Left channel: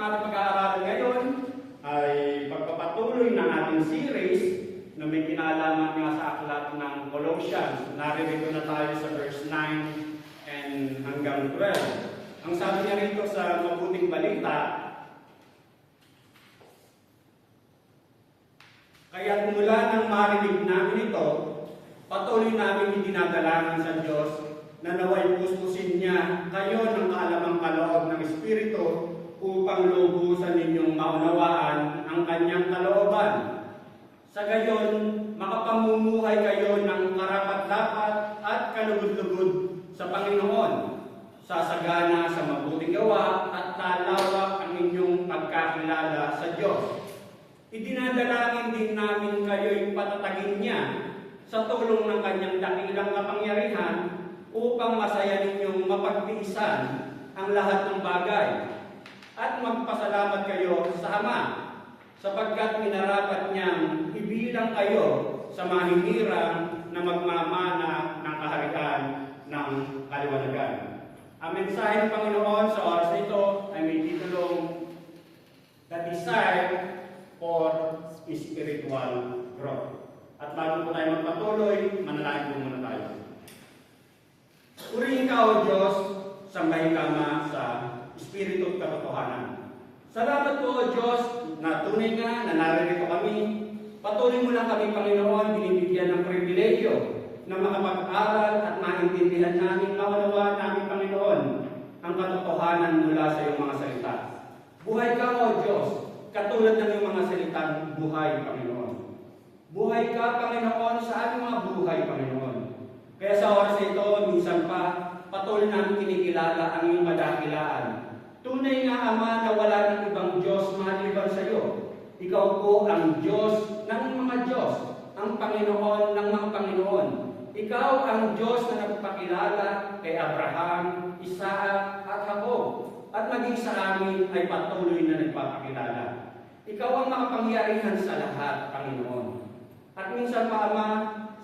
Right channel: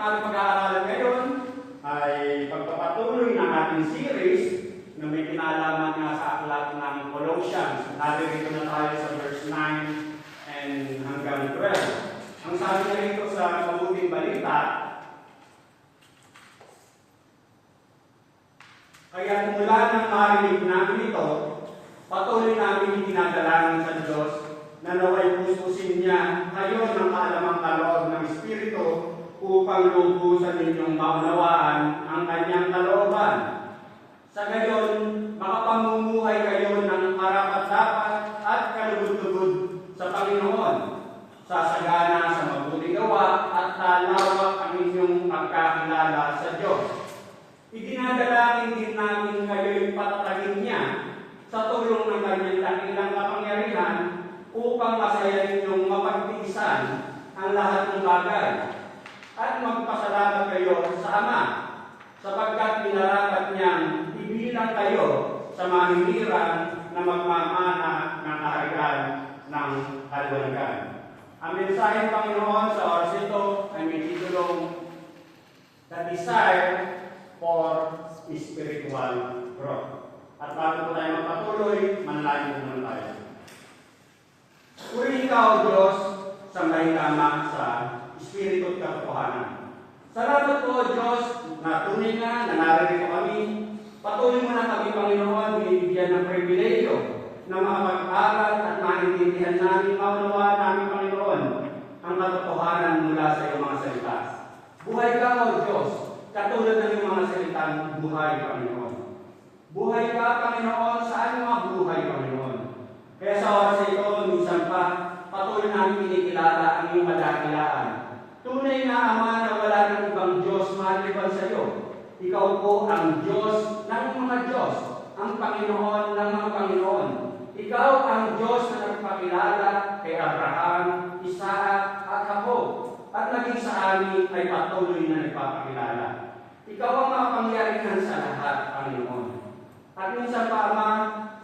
Ating pag-aaralan ngayon ay pagpapatuloy ng ating series na may kinalaman nga sa aklat ng Colossians. Naririto na tayo sa verse 9 and hanggang 12. Ang sabi niya rito sa mabuting balita, kaya mula nang marinig namin ito, patuloy namin dinadalangin sa Diyos na naway puspusin niya kayo ng alamang kaloob ng Espiritu upang lubusan ninyong maunawaan ang kanyang kalooban. Sa gayon, makapamumuhay kayo ng karapat-dapat at kalugod-lugod sa Panginoon, sasagana sa mabuting gawa at lalawak ang inyong pagkakilala sa Diyos. Idinadalangin din namin kayo'y patatagin niya sa tulong ng kanyang dakilang kapangyarihan upang masaya ninyong mapagtiisan ang lahat ng bagay at magpasalamat kayo sa Ama, sapagkat minarapat niyang ibilang kayo sa mahihirang na magmamana ng kaharian ng kaliwanagan. Ang mensahe ng Panginoon sa oras ito ay may titulong The Desire for Spiritual Growth. At bago po tayo magpatuloy, manalangin muna tayo. Purihin ka, O Diyos, sambahin kama sa Espiritu at katotohanan. Salamat po, O Diyos, na tunay nga na naririto kami. Patuloy mo na kami, Panginoon, binibigyan ng pribilegyo na makapag-aral at maintindihan namin, maunawaan namin, Panginoon, ang katotohanan mula sa iyong mga salita. Buhay ka, O Diyos, katulad ng iyong mga salitang buhay, Panginoon. Buhay ka, Panginoon, sa aming mga buhay, Panginoon. Kaya sa oras ito, minsan pa, patuloy namin kinikilala ang iyong madakilaan. Tunay nga, Ama, na wala ng ibang Diyos maliban sa iyo. Ikaw po ang Diyos ng mga Diyos, ang Panginoon ng mga Panginoon. Ikaw ang Diyos na nagpakilala kay Abraham, Isaac, at Jacob, at naging sa amin ay patuloy na nagpapakilala. Ikaw ang makapangyarihan sa lahat, Panginoon. At minsan pa, Ama,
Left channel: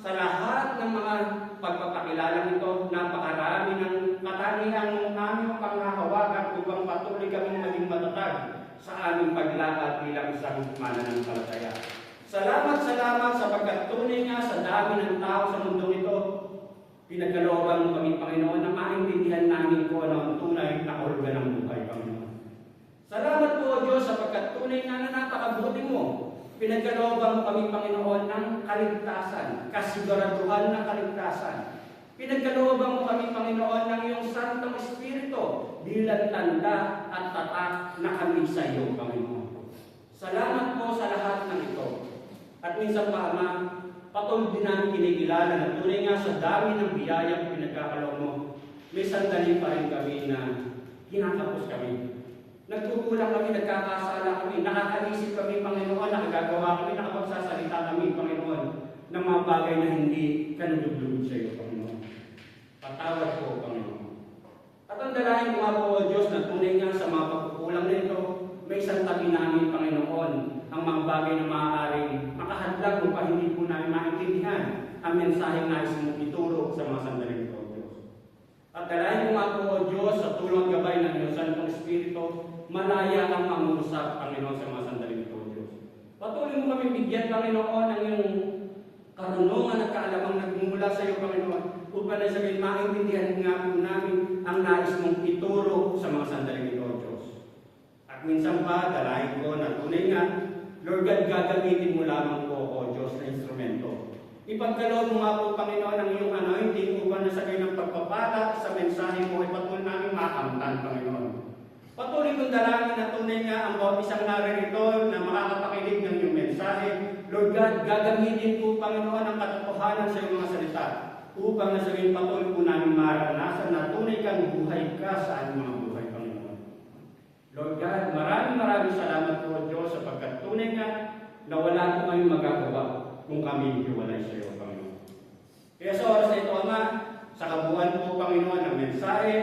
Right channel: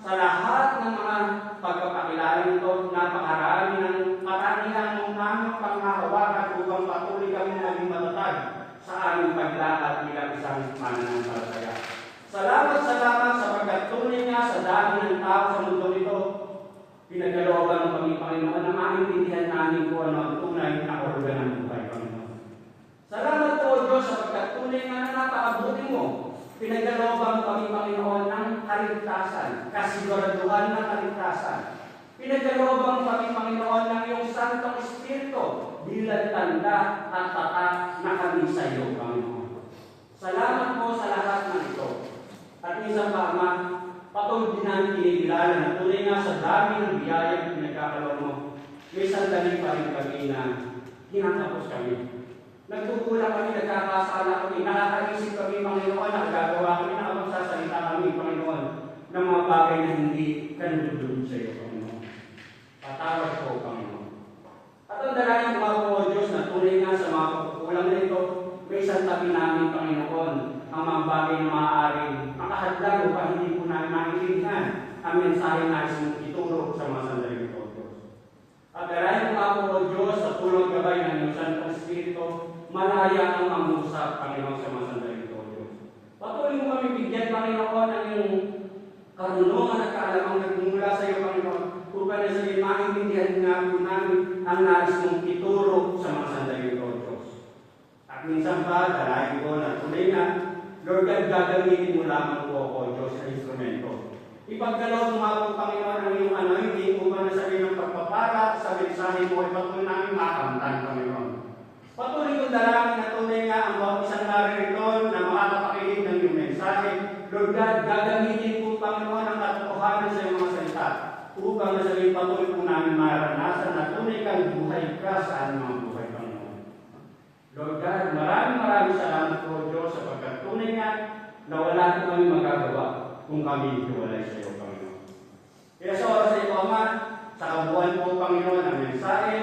sa lahat ng mga pagpapakilala nito, napakarami ng katangian ng aming panghahawakan upang patuloy kami naging matatag sa aming paglakad bilang isang mananampalataya. Salamat sapagkat tunay nga sa dami ng tao sa mundo ito, pinagkalooban ng kami, Panginoon, na maintindihan namin kung ano ang tunay na kahulugan ng buhay, Panginoon. Salamat po, Diyos, sapagkat tunay nga na napakabuti mo. Pinagkalooban kami, Panginoon, ng kaligtasan, kasiguraduhan ng kaligtasan. Pinagkalooban kami, Panginoon, ng iyong Santong Espiritu, bilang tanda at tatak na kami sa iyo, Panginoon. Salamat po sa lahat ng ito. At minsan pa, Ama, patuloy din namin kinikilala na tunay nga sa dami ng biyaya na pinagkakaloon mo, may sandali pa rin kami na kinakapos kami. Nagkukulang kami, nagkakasala kami, nakakaisip kami, Panginoon, nakagagawa kami, nakapagsasalita kami, Panginoon, ng mga bagay na hindi kanulog sa iyo, Panginoon. Patawad po, Panginoon. At ang dalangin ko nga po, O Diyos, na tunay nga sa mga pagkukulang na ito, may santabi namin, Panginoon, ang mga bagay na maaaring makahadlang upang hindi po namin maintindihan ang mensahe na isang ituro sa mga sandaling ito, O Diyos. At dalangin ko nga po, O Diyos, sa tulong gabay ng iyong Santong Espiritu, malaya ang mangusap, Panginoon, sa mga sandaling ito, O Diyos. Patuloy mo kami bigyan, Panginoon, ng iyong karunungan at kaalamang nagmumula sa iyo, Panginoon, upang na sabihin, maintindihan nga po namin ang nais mong ituro sa mga sandaling ito, O Diyos. At minsan pa, dalangin ko na tunay nga, Lord God, gagamitin mo lamang po, O Diyos, na instrumento. Ipagdalaw mo nga po, Panginoon, ang iyong anointing upang na sabihin ng pagpapala sa mensahe mo, ipatuloy namin makamtan, Panginoon. Patuloy kong dalangin na tunay nga ang bawat isang naririto na makakapakinig ng iyong mensahe. Lord God, gagamitin po, Panginoon, ang katotohanan sa iyong mga salita upang nasabihin patuloy po namin maranasan na tunay kang buhay ka sa aming mga buhay, Panginoon. Lord God, maraming salamat po, Diyos, sapagkat tunay nga na wala po kami magagawa kung kami hiwalay sa iyo, Panginoon. Kaya sa oras na ito, Ama, sa kabuuan po, Panginoon, ang mensahe,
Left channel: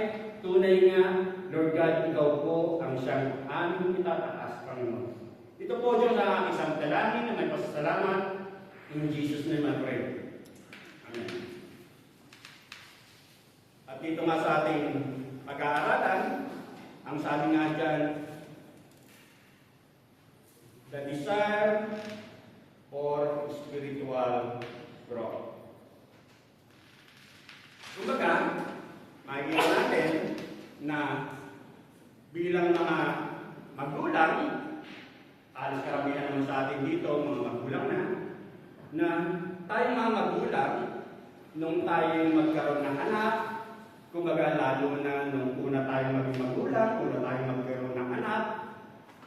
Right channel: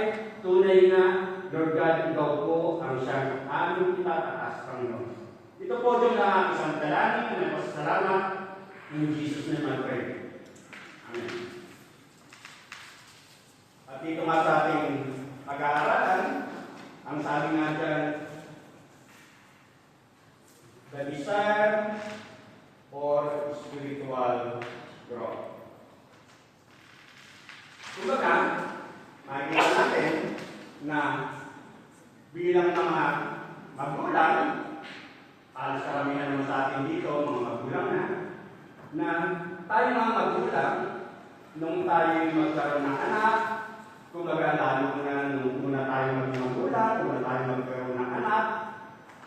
tunay nga, Lord God, ikaw po ang siyang aming itataas, Panginoon. Ito po, Diyos, ang isang dalangin na nagpasalamat. In Jesus' name I pray. Amen. At dito nga sa ating pag-aaralan, ang sabi nga dyan, magulang, alas karamihan naman sa atin dito, mga magulang na tayo mga magulang, nung tayo magkaroon ng anak, kumbaga lalo na nung una tayo maging magulang, una tayo magkaroon ng anak,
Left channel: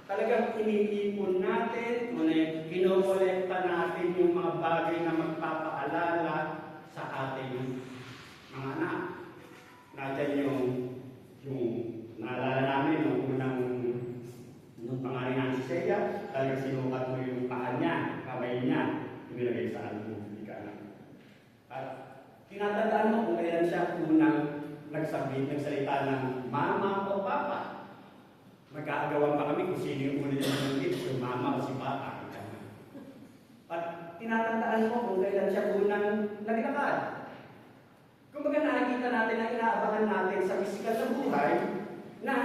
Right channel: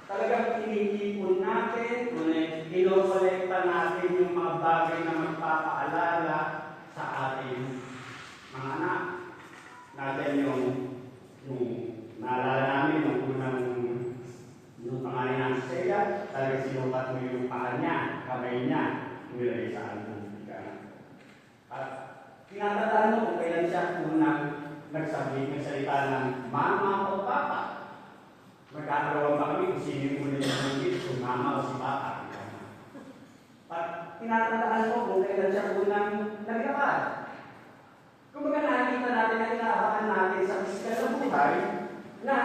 talagang iniipon natin, kinokolekta natin yung mga bagay na magpapaalala sa ating mga anak. Natin yung naalala namin nung unang yung pangalan niya si Seya, talagang sinukat mo yung paa niya, kamay niya, nilagay sa ano ng bigan. At tinatandaan mo kung kailan siya unang nagsalita ng mama o papa. Magkakagawa pa kami kung sino yung unang nagsalita, kung mama o si papa. At tinatandaan mo kung kailan siya unang naglakad. Kumbaga nakikita natin na inaabangan natin sa pisikal na buhay na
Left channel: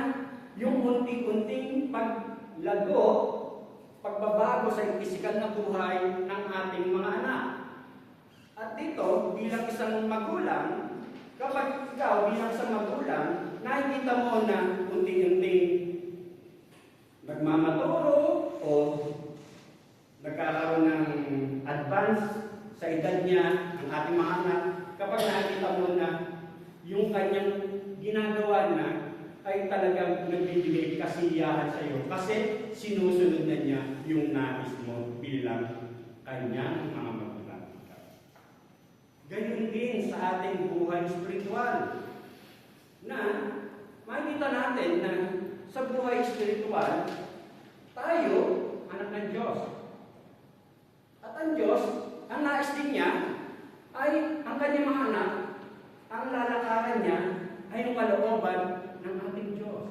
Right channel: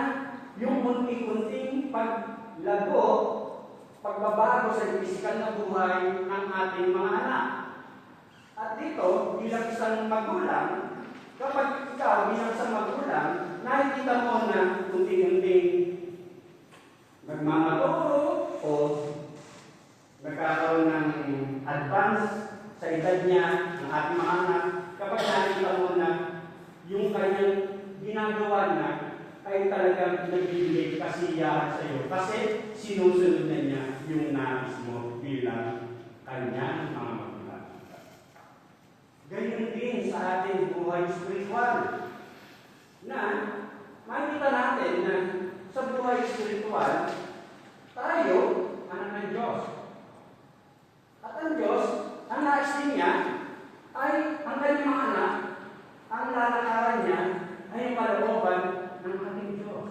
yung unti-unting paglago, pagbabago sa pisikal na buhay ng ating mga anak. At dito, bilang isang magulang, kapag ikaw bilang isang magulang, nakikita mo na unti-unting nagmamaturo o nagkakaroon ng advance sa edad niya ang ating mga anak, kapag nakikita mo na yung kanyang ginagawa na ay talagang nagbibigay kasiyahan sa iyo kasi sinusunod na niya yung nais mo bilang kanyang mga magulang. Ganyan din sa ating buhay spiritual na makita natin na sa buhay spiritual tayo anak ng Diyos. At ang Diyos, ang nais din niya ay ang kanyang mga anak, ang lalakaran niya ay kalooban ng ating Diyos.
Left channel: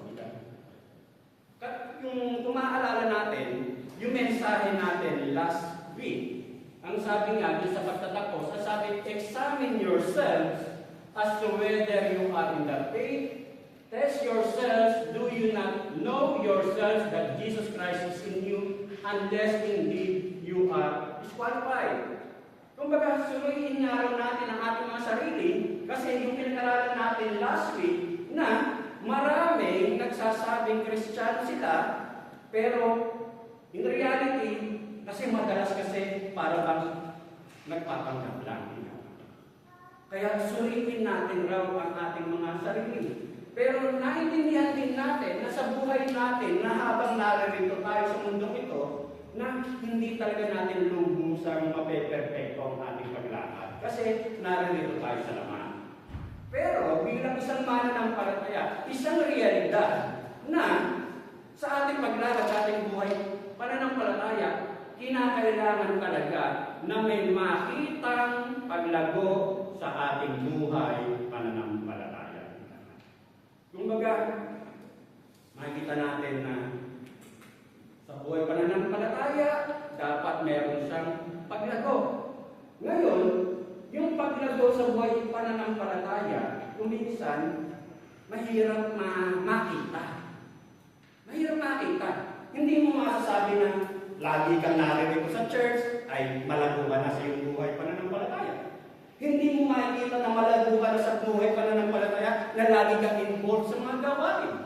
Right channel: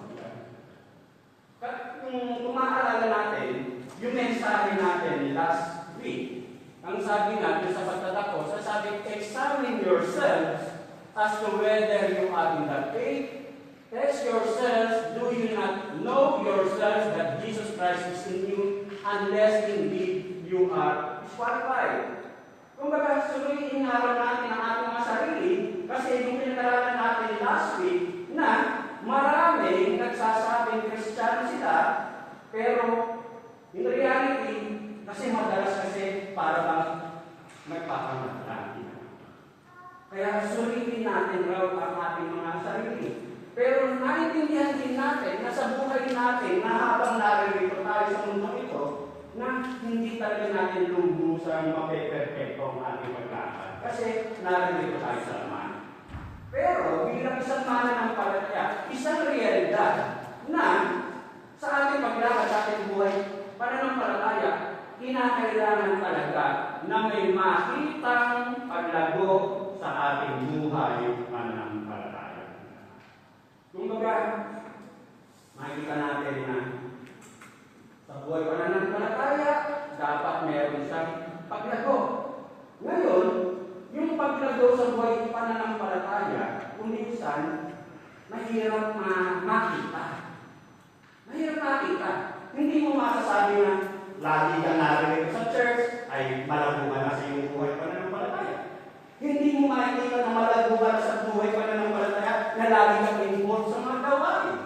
Kung maaalala natin, yung mensahe natin last week, ang sabi natin sa pagtatapos, sabi, examine yourselves as to whether you are in the faith. Test yourselves, do you not know yourselves that Jesus Christ is in you, unless indeed you are disqualified. Kumbaga, suriin nga raw natin ang ating mga sarili, kasi yung pinag-aralan natin last week, na marami nagsasabing Kristiyano sila, pero in reality, kasi madalas kasi para bang nagpapanggap lang. Kaya suriin natin raw ang ating mga sarili. Pero naintindihan din natin na sa buhay natin, na habang narito tayo sa mundo ito, na hindi talaga natin lubusang mapeperfecto ang ating paglakad. Kasi narito tayo sa laman. Pero bilang isang mananampalataya, isang realidad na sa ating paglakad, sa ating buhay, pananampalataya, kinakailangan talaga na may makitang paglago sa ating buhay pananampalataya. Kumbaga, makikita natin na sa buhay pananampalataya, dapat meron siyang paglago. Ngayon, yung paglago sa buhay pananampalataya, kuminsan, mahirap makita. Mahirap makita. Hindi mo masasabi na lagi kang narinig sa church, ay malago ka na sa iyong buhay pananampalataya. Hindi mo makikita na malago ka na sa buhay pananampalataya na lagi kang involved sa mga gawain.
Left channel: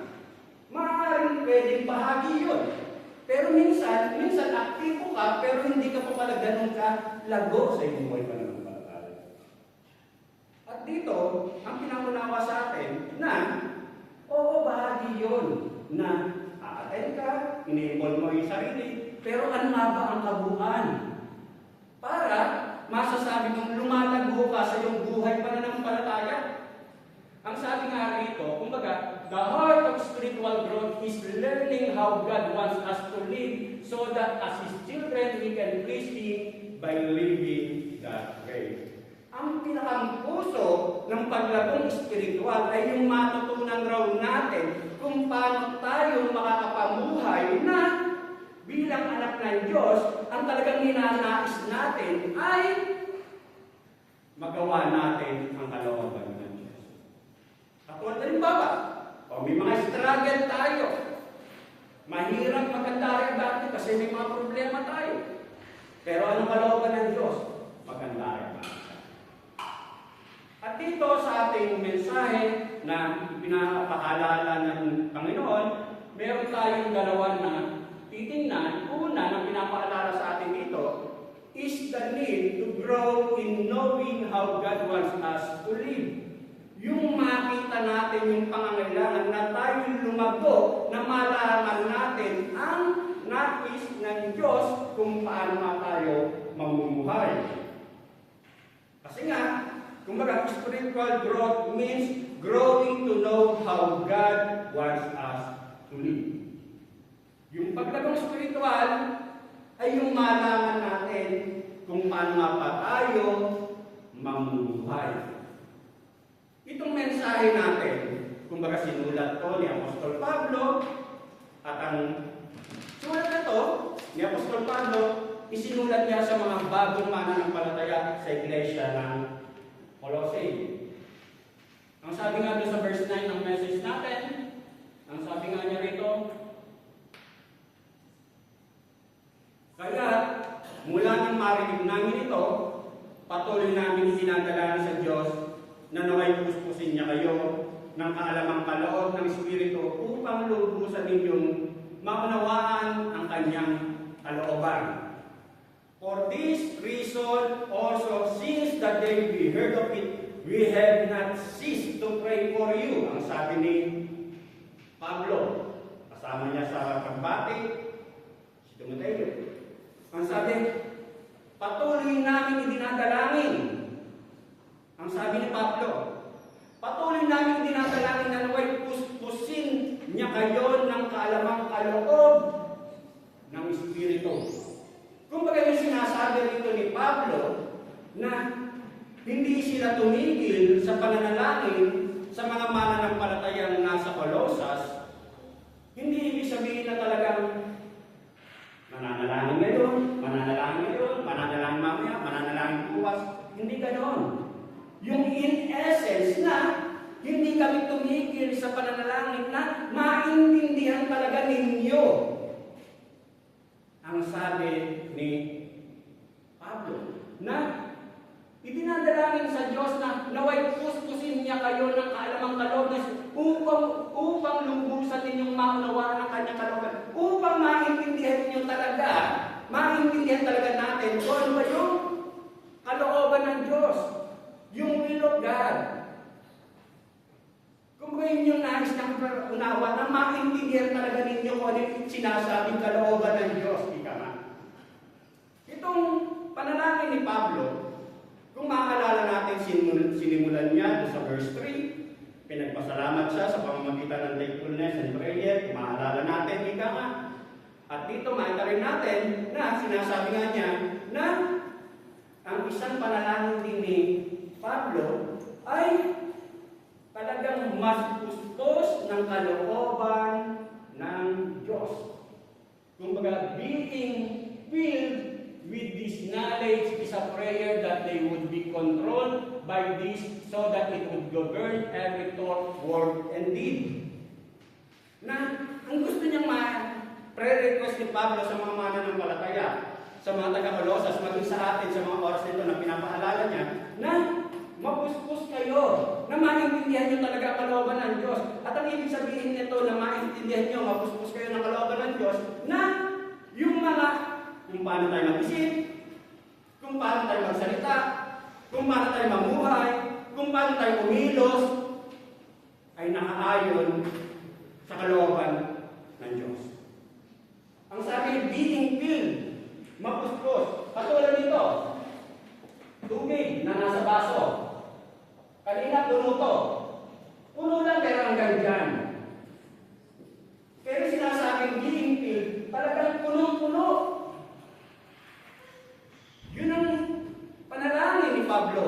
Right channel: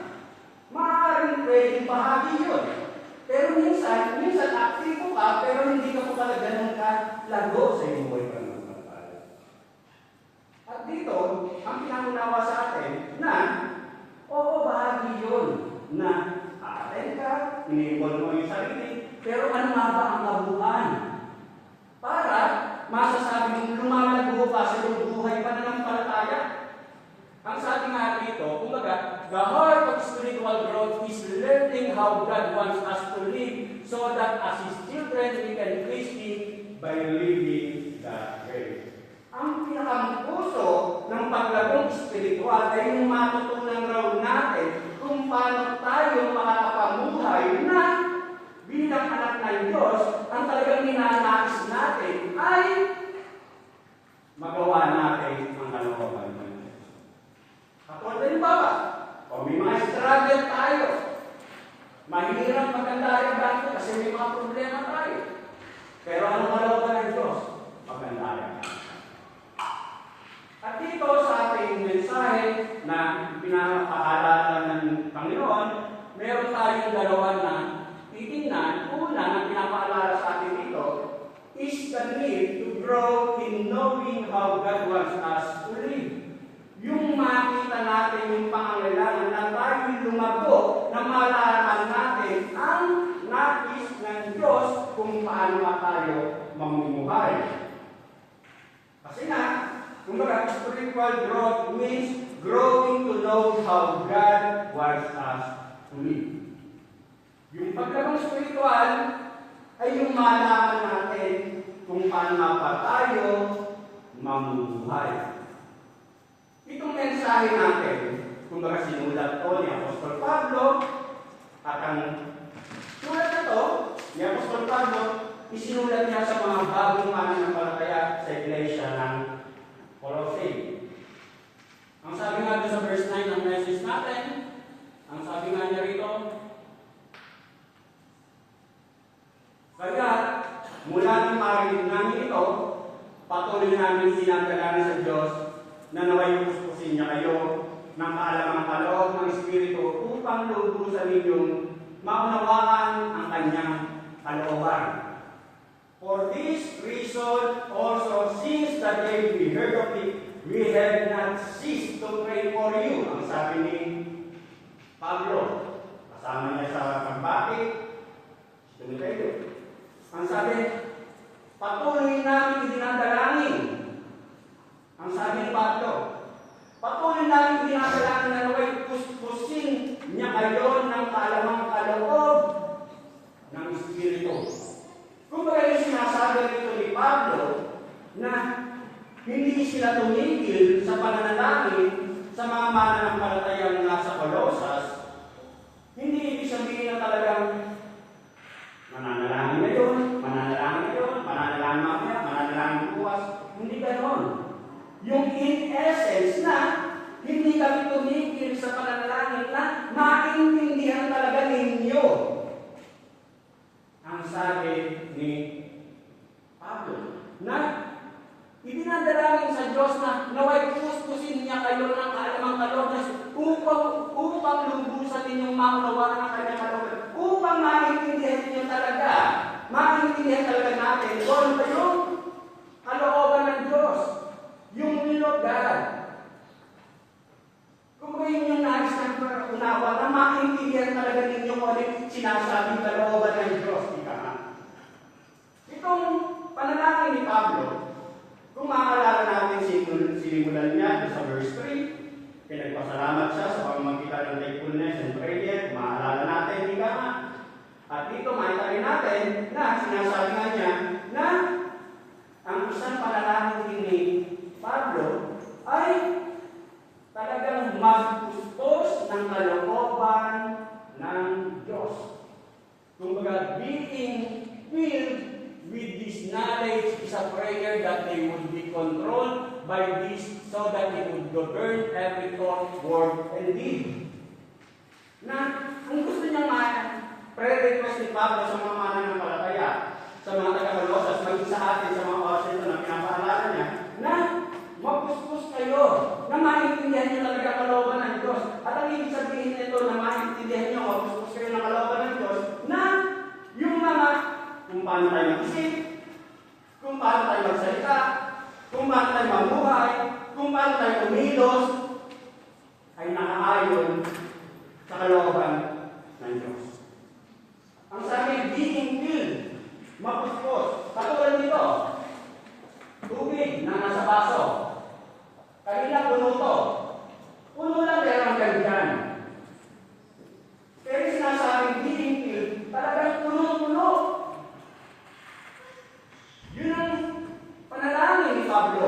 Maaaring pwedeng bahagi yun. Pero minsan aktibo ka, pero hindi ka pa pala ganun ka lago sa iyong buhay pananampalataya. At dito, ang pinangunawa sa atin na, oo, bahagi yun na aaten ka, ini-involve mo yung sarili, pero ano nga ba ang kabuuan? Para masasabi mong lumalago ka sa iyong buhay pananampalataya. Ang sabi nga dito, kumbaga, the heart of spiritual growth is learning how God wants us to live so that as His children we can please Him by living that way. Ang pinakapuso ng paglagong spiritual ay yung matutunan raw natin kung paano tayo makakapamuhay na bilang anak ng Diyos, ang talagang ninanais natin ay magawa natin ang kalooban ng Diyos. Katulad din ba? O may mga struggle tayo. Mahirap maganda rin kasi may mga problema tayo. Pero anong kalooban ng Diyos? Maganda rin. At dito sa ating mensahe na pinapaalala ng Panginoon, meron tayong dalawa na titingnan. Una na pinapaalala sa atin dito is the need to grow in knowing how God wants us to live. Yung makita natin yung pangangailangan na tayo lumago na malaman natin ang nais ng Diyos kung paano tayo mamumuhay. Kasi nga, kumbaga, spiritual growth means growing to know how God wants us to live. Yung paglabang spiritual ay yung malaman natin kung paano pa tayo mamumuhay. Itong mensahe natin, kumbaga sinulat to ni Apostol Pablo, at ang sulat na to ni Apostol Pablo, isinulat niya sa mga bagong mananampalataya sa iglesia ng Colossae. Ang sabi nga doon sa verse 9 ng message natin, ang sabi nga niya rito, kaya mula nang marinig namin ito, patuloy namin dinadalangin sa Diyos na naway puspusin niya kayo ng kaalamang kaloob ng Espiritu upang lubusan ninyong maunawaan ang kanyang kalooban. For this reason also, since the day we heard of it, we have not ceased to pray for you. Ang sabi ni Pablo, kasama niya sa pagbati, si Timoteo. Ang sabi, patuloy namin dinadalangin. Ang sabi ni Pablo, patuloy namin dinadalangin na naway puspusin niya kayo ng kaalamang kaloob ng Espiritu. Kung baga yung sinasabi rito ni Pablo na hindi sila tumigil sa pananalangin sa mga mananampalatayang nasa Colosas, hindi ibig sabihin na talagang mananalangin ngayon, mananalangin mamaya, mananalangin bukas. Hindi ganon. Yung in essence na hindi kami tumigil sa pananalangin na maintindihan talaga ninyo ang sabi ni Pablo na idinadalangin sa Diyos na naway puspusin niya kayo ng kaalamang kaloob na upang lubusan ninyong maunawaan ang kanyang kalooban, upang maintindihan talaga natin kung ano yung kalooban ng Diyos, yung will of God. Kung yun yung nais ng unawa na maintindihan talaga ninyo kung ano yung sinasabing kalooban ng Diyos. Itong panalangin ni Pablo, kung maalala natin, sinimulan niya sa verse 3, pinagpasalamat siya sa pamamagitan ng thankfulness and prayer, kung maalala natin, ika nga. At dito makita rin natin na sinasabi nga niya na ang isang panalangin din ni Pablo ay talagang mas pustos ng kalooban ng Diyos. Kumbaga, being filled with this knowledge is a prayer that they would be controlled by this so that it would govern every thought, word, and deed. Na ang gusto niyang pre-request ni Pablo sa mga mananampalataya, sa mga taga-Colosas, maging sa atin sa mga oras nito na pinapaalala niya, na mapuspos kayo, na maintindihan niyo talaga kalooban ng Diyos. At ang ibig sabihin nito na maintindihan niyo, mapuspos kayo ng kalooban ng Diyos, na yung mga kung paano tayo mag-isip, kung paano tayo magsalita, kung paano tayo mamuhay, kung paano tayo kumilos, ay nakaayon sa kalooban ng Diyos. Ang sabi, being filled, mapuspos. Katulad nito, tubig na nasa baso. Kanina puno to. Puno lang pero hanggang dyan. Pero sinasabing being filled, talagang punong-puno. Yun ang panalangin ni Pablo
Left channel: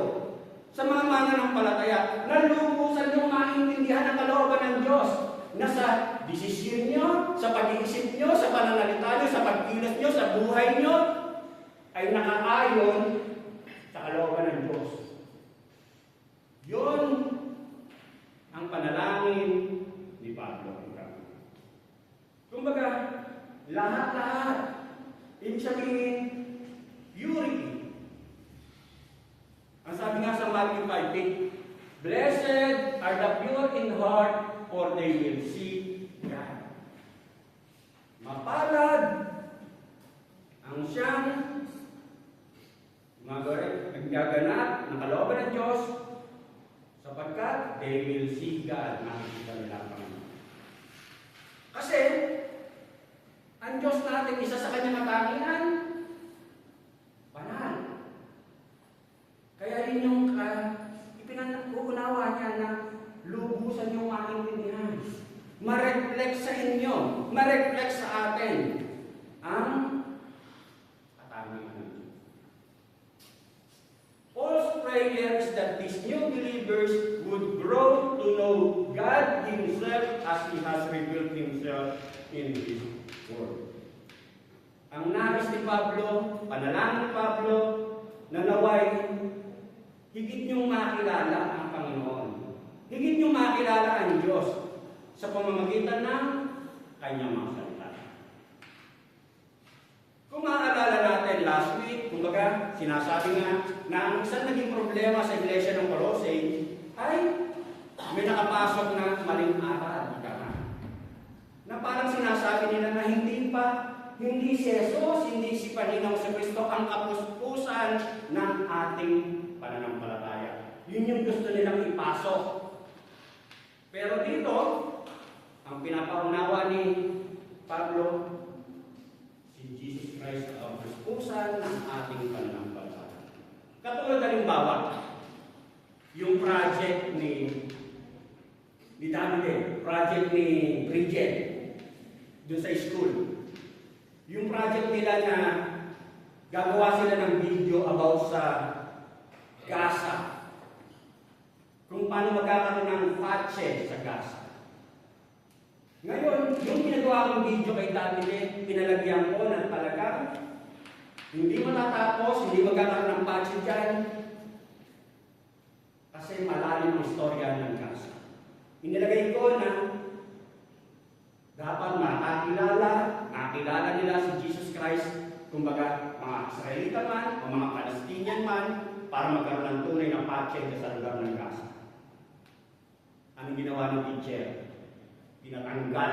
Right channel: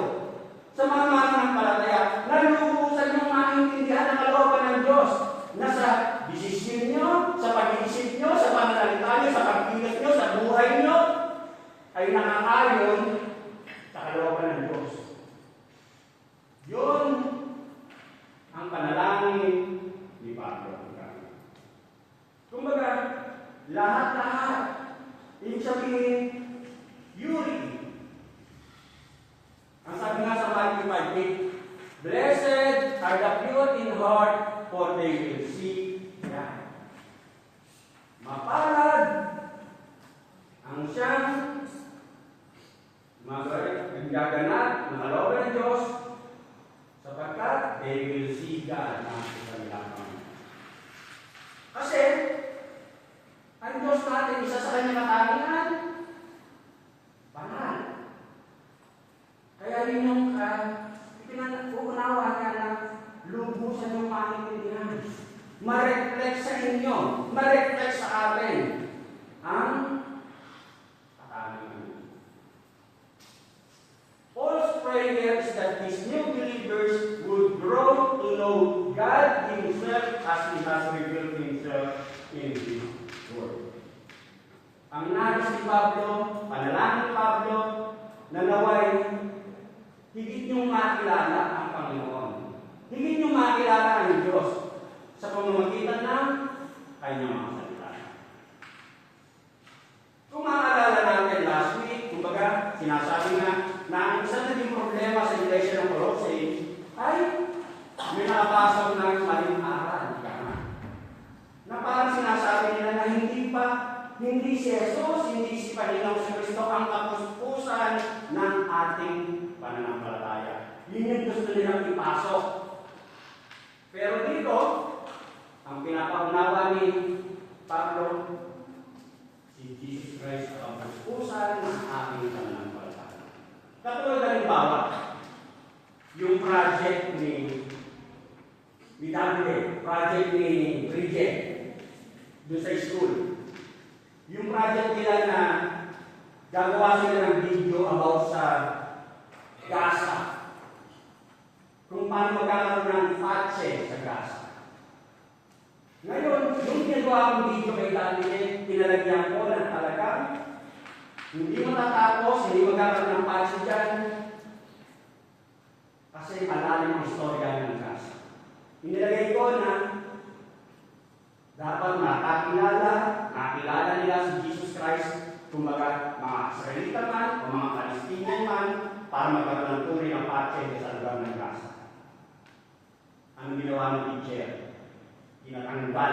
sa mga mananampalataya na lubusan ng maintindihan ang kalooban ng Diyos na sa desisyon nyo, sa pag-iisip nyo, sa pananalita nyo, sa pagkilos nyo, sa buhay nyo, ay nakakayon sa kalooban ng Diyos. Yun ang panalangin ni Pablo. Kumbaga, lahat-lahat, ibig sabihin, purity. Ang sabi nga sa Matthew 5:8, blessed are the pure in heart, for they will see God. Pablo, panalangin Pablo, na naway higit niyong makilala ang Panginoon. Higit niyong makilala ang Diyos sa pamamagitan ng kanyang mga salita. Kung maalala natin last week, kumbaga, sinasabi na ang isang naging problema sa iglesia ng Colossae ay may nakapasok ng maling aral. Na parang sinasabi nila na hindi si Jesus, hindi si Panginoong si Kristo ang kapuspusan ng ating pananampalataya. Yun yung gusto nilang ipasok. Pero dito, ang pinapaunawa ni Pablo, si Jesus Christ ang kapuspusan ng ating pananampalataya. Katulad halimbawa, yung project ni Davide, project ni Bridget, doon sa school. Yung project nila na gagawa sila ng video about sa Gaza. Kung paano magkakaroon ng patse sa Gaza. Ngayon, yung ginagawa kong video kay Davide, pinalagyan ko na talaga hindi matatapos, hindi magkakaroon ng patse dyan. Kasi malalim ang storya ng Gaza. Inilagay ko na dapat nakilala nila si Jesus Christ, kumbaga mga Israelita man o mga Palestinian man, para magkaroon ng tunay na patse sa lugar ng Gaza. Ang ginawa ng teacher, tinatanggal.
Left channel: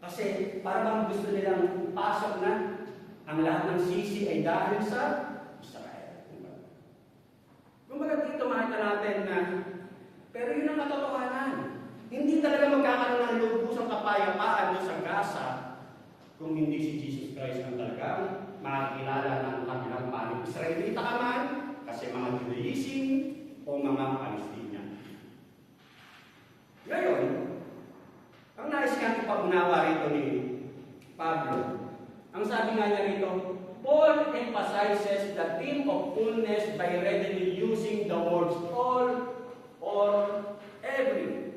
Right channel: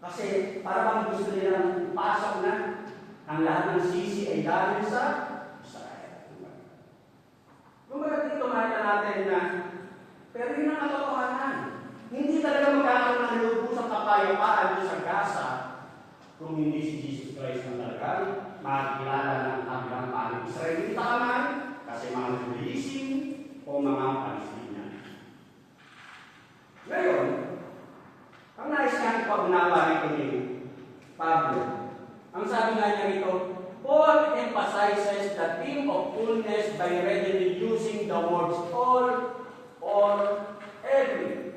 Kasi parang gusto nilang ipasok na ang lahat ng sisi ay dahil sa Israel. Kumbaga dito makita natin na pero yun ang katotohanan. Hindi talaga magkakaroon ng lubusang kapayapaan sa Gaza kung hindi si Jesus Christ ang talagang makakilala ng kanilang panig Israelita man, kasi mga Judaism o mga Palestinian. Ngayon, ang nais kang ipaunawa rito ni Pablo, ang sabi nga niya rito, Paul emphasizes the theme of fullness by readily using the words all or every.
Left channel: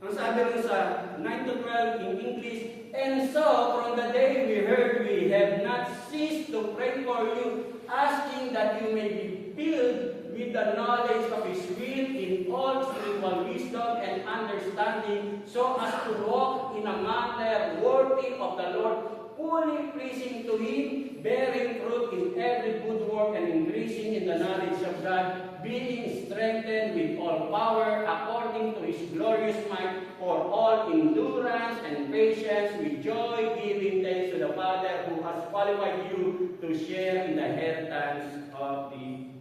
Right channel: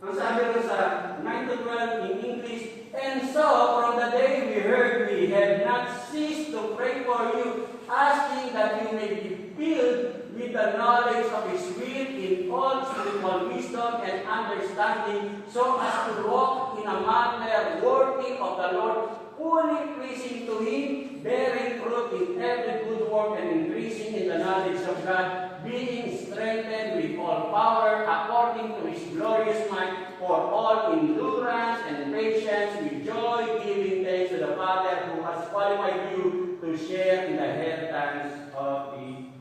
Ang sabi rin sa 9 to 12 in English, and so from the day we heard, we have not ceased to pray for you, asking that you may be filled with the knowledge of His will in all spiritual wisdom and understanding, so as to walk in a manner worthy of the Lord, fully pleasing to Him, bearing fruit in every good work and increasing in the knowledge of God, being strengthened with all power according to His glorious might, for all endurance and patience with joy, giving thanks to the Father who has qualified you to share in the inheritance of the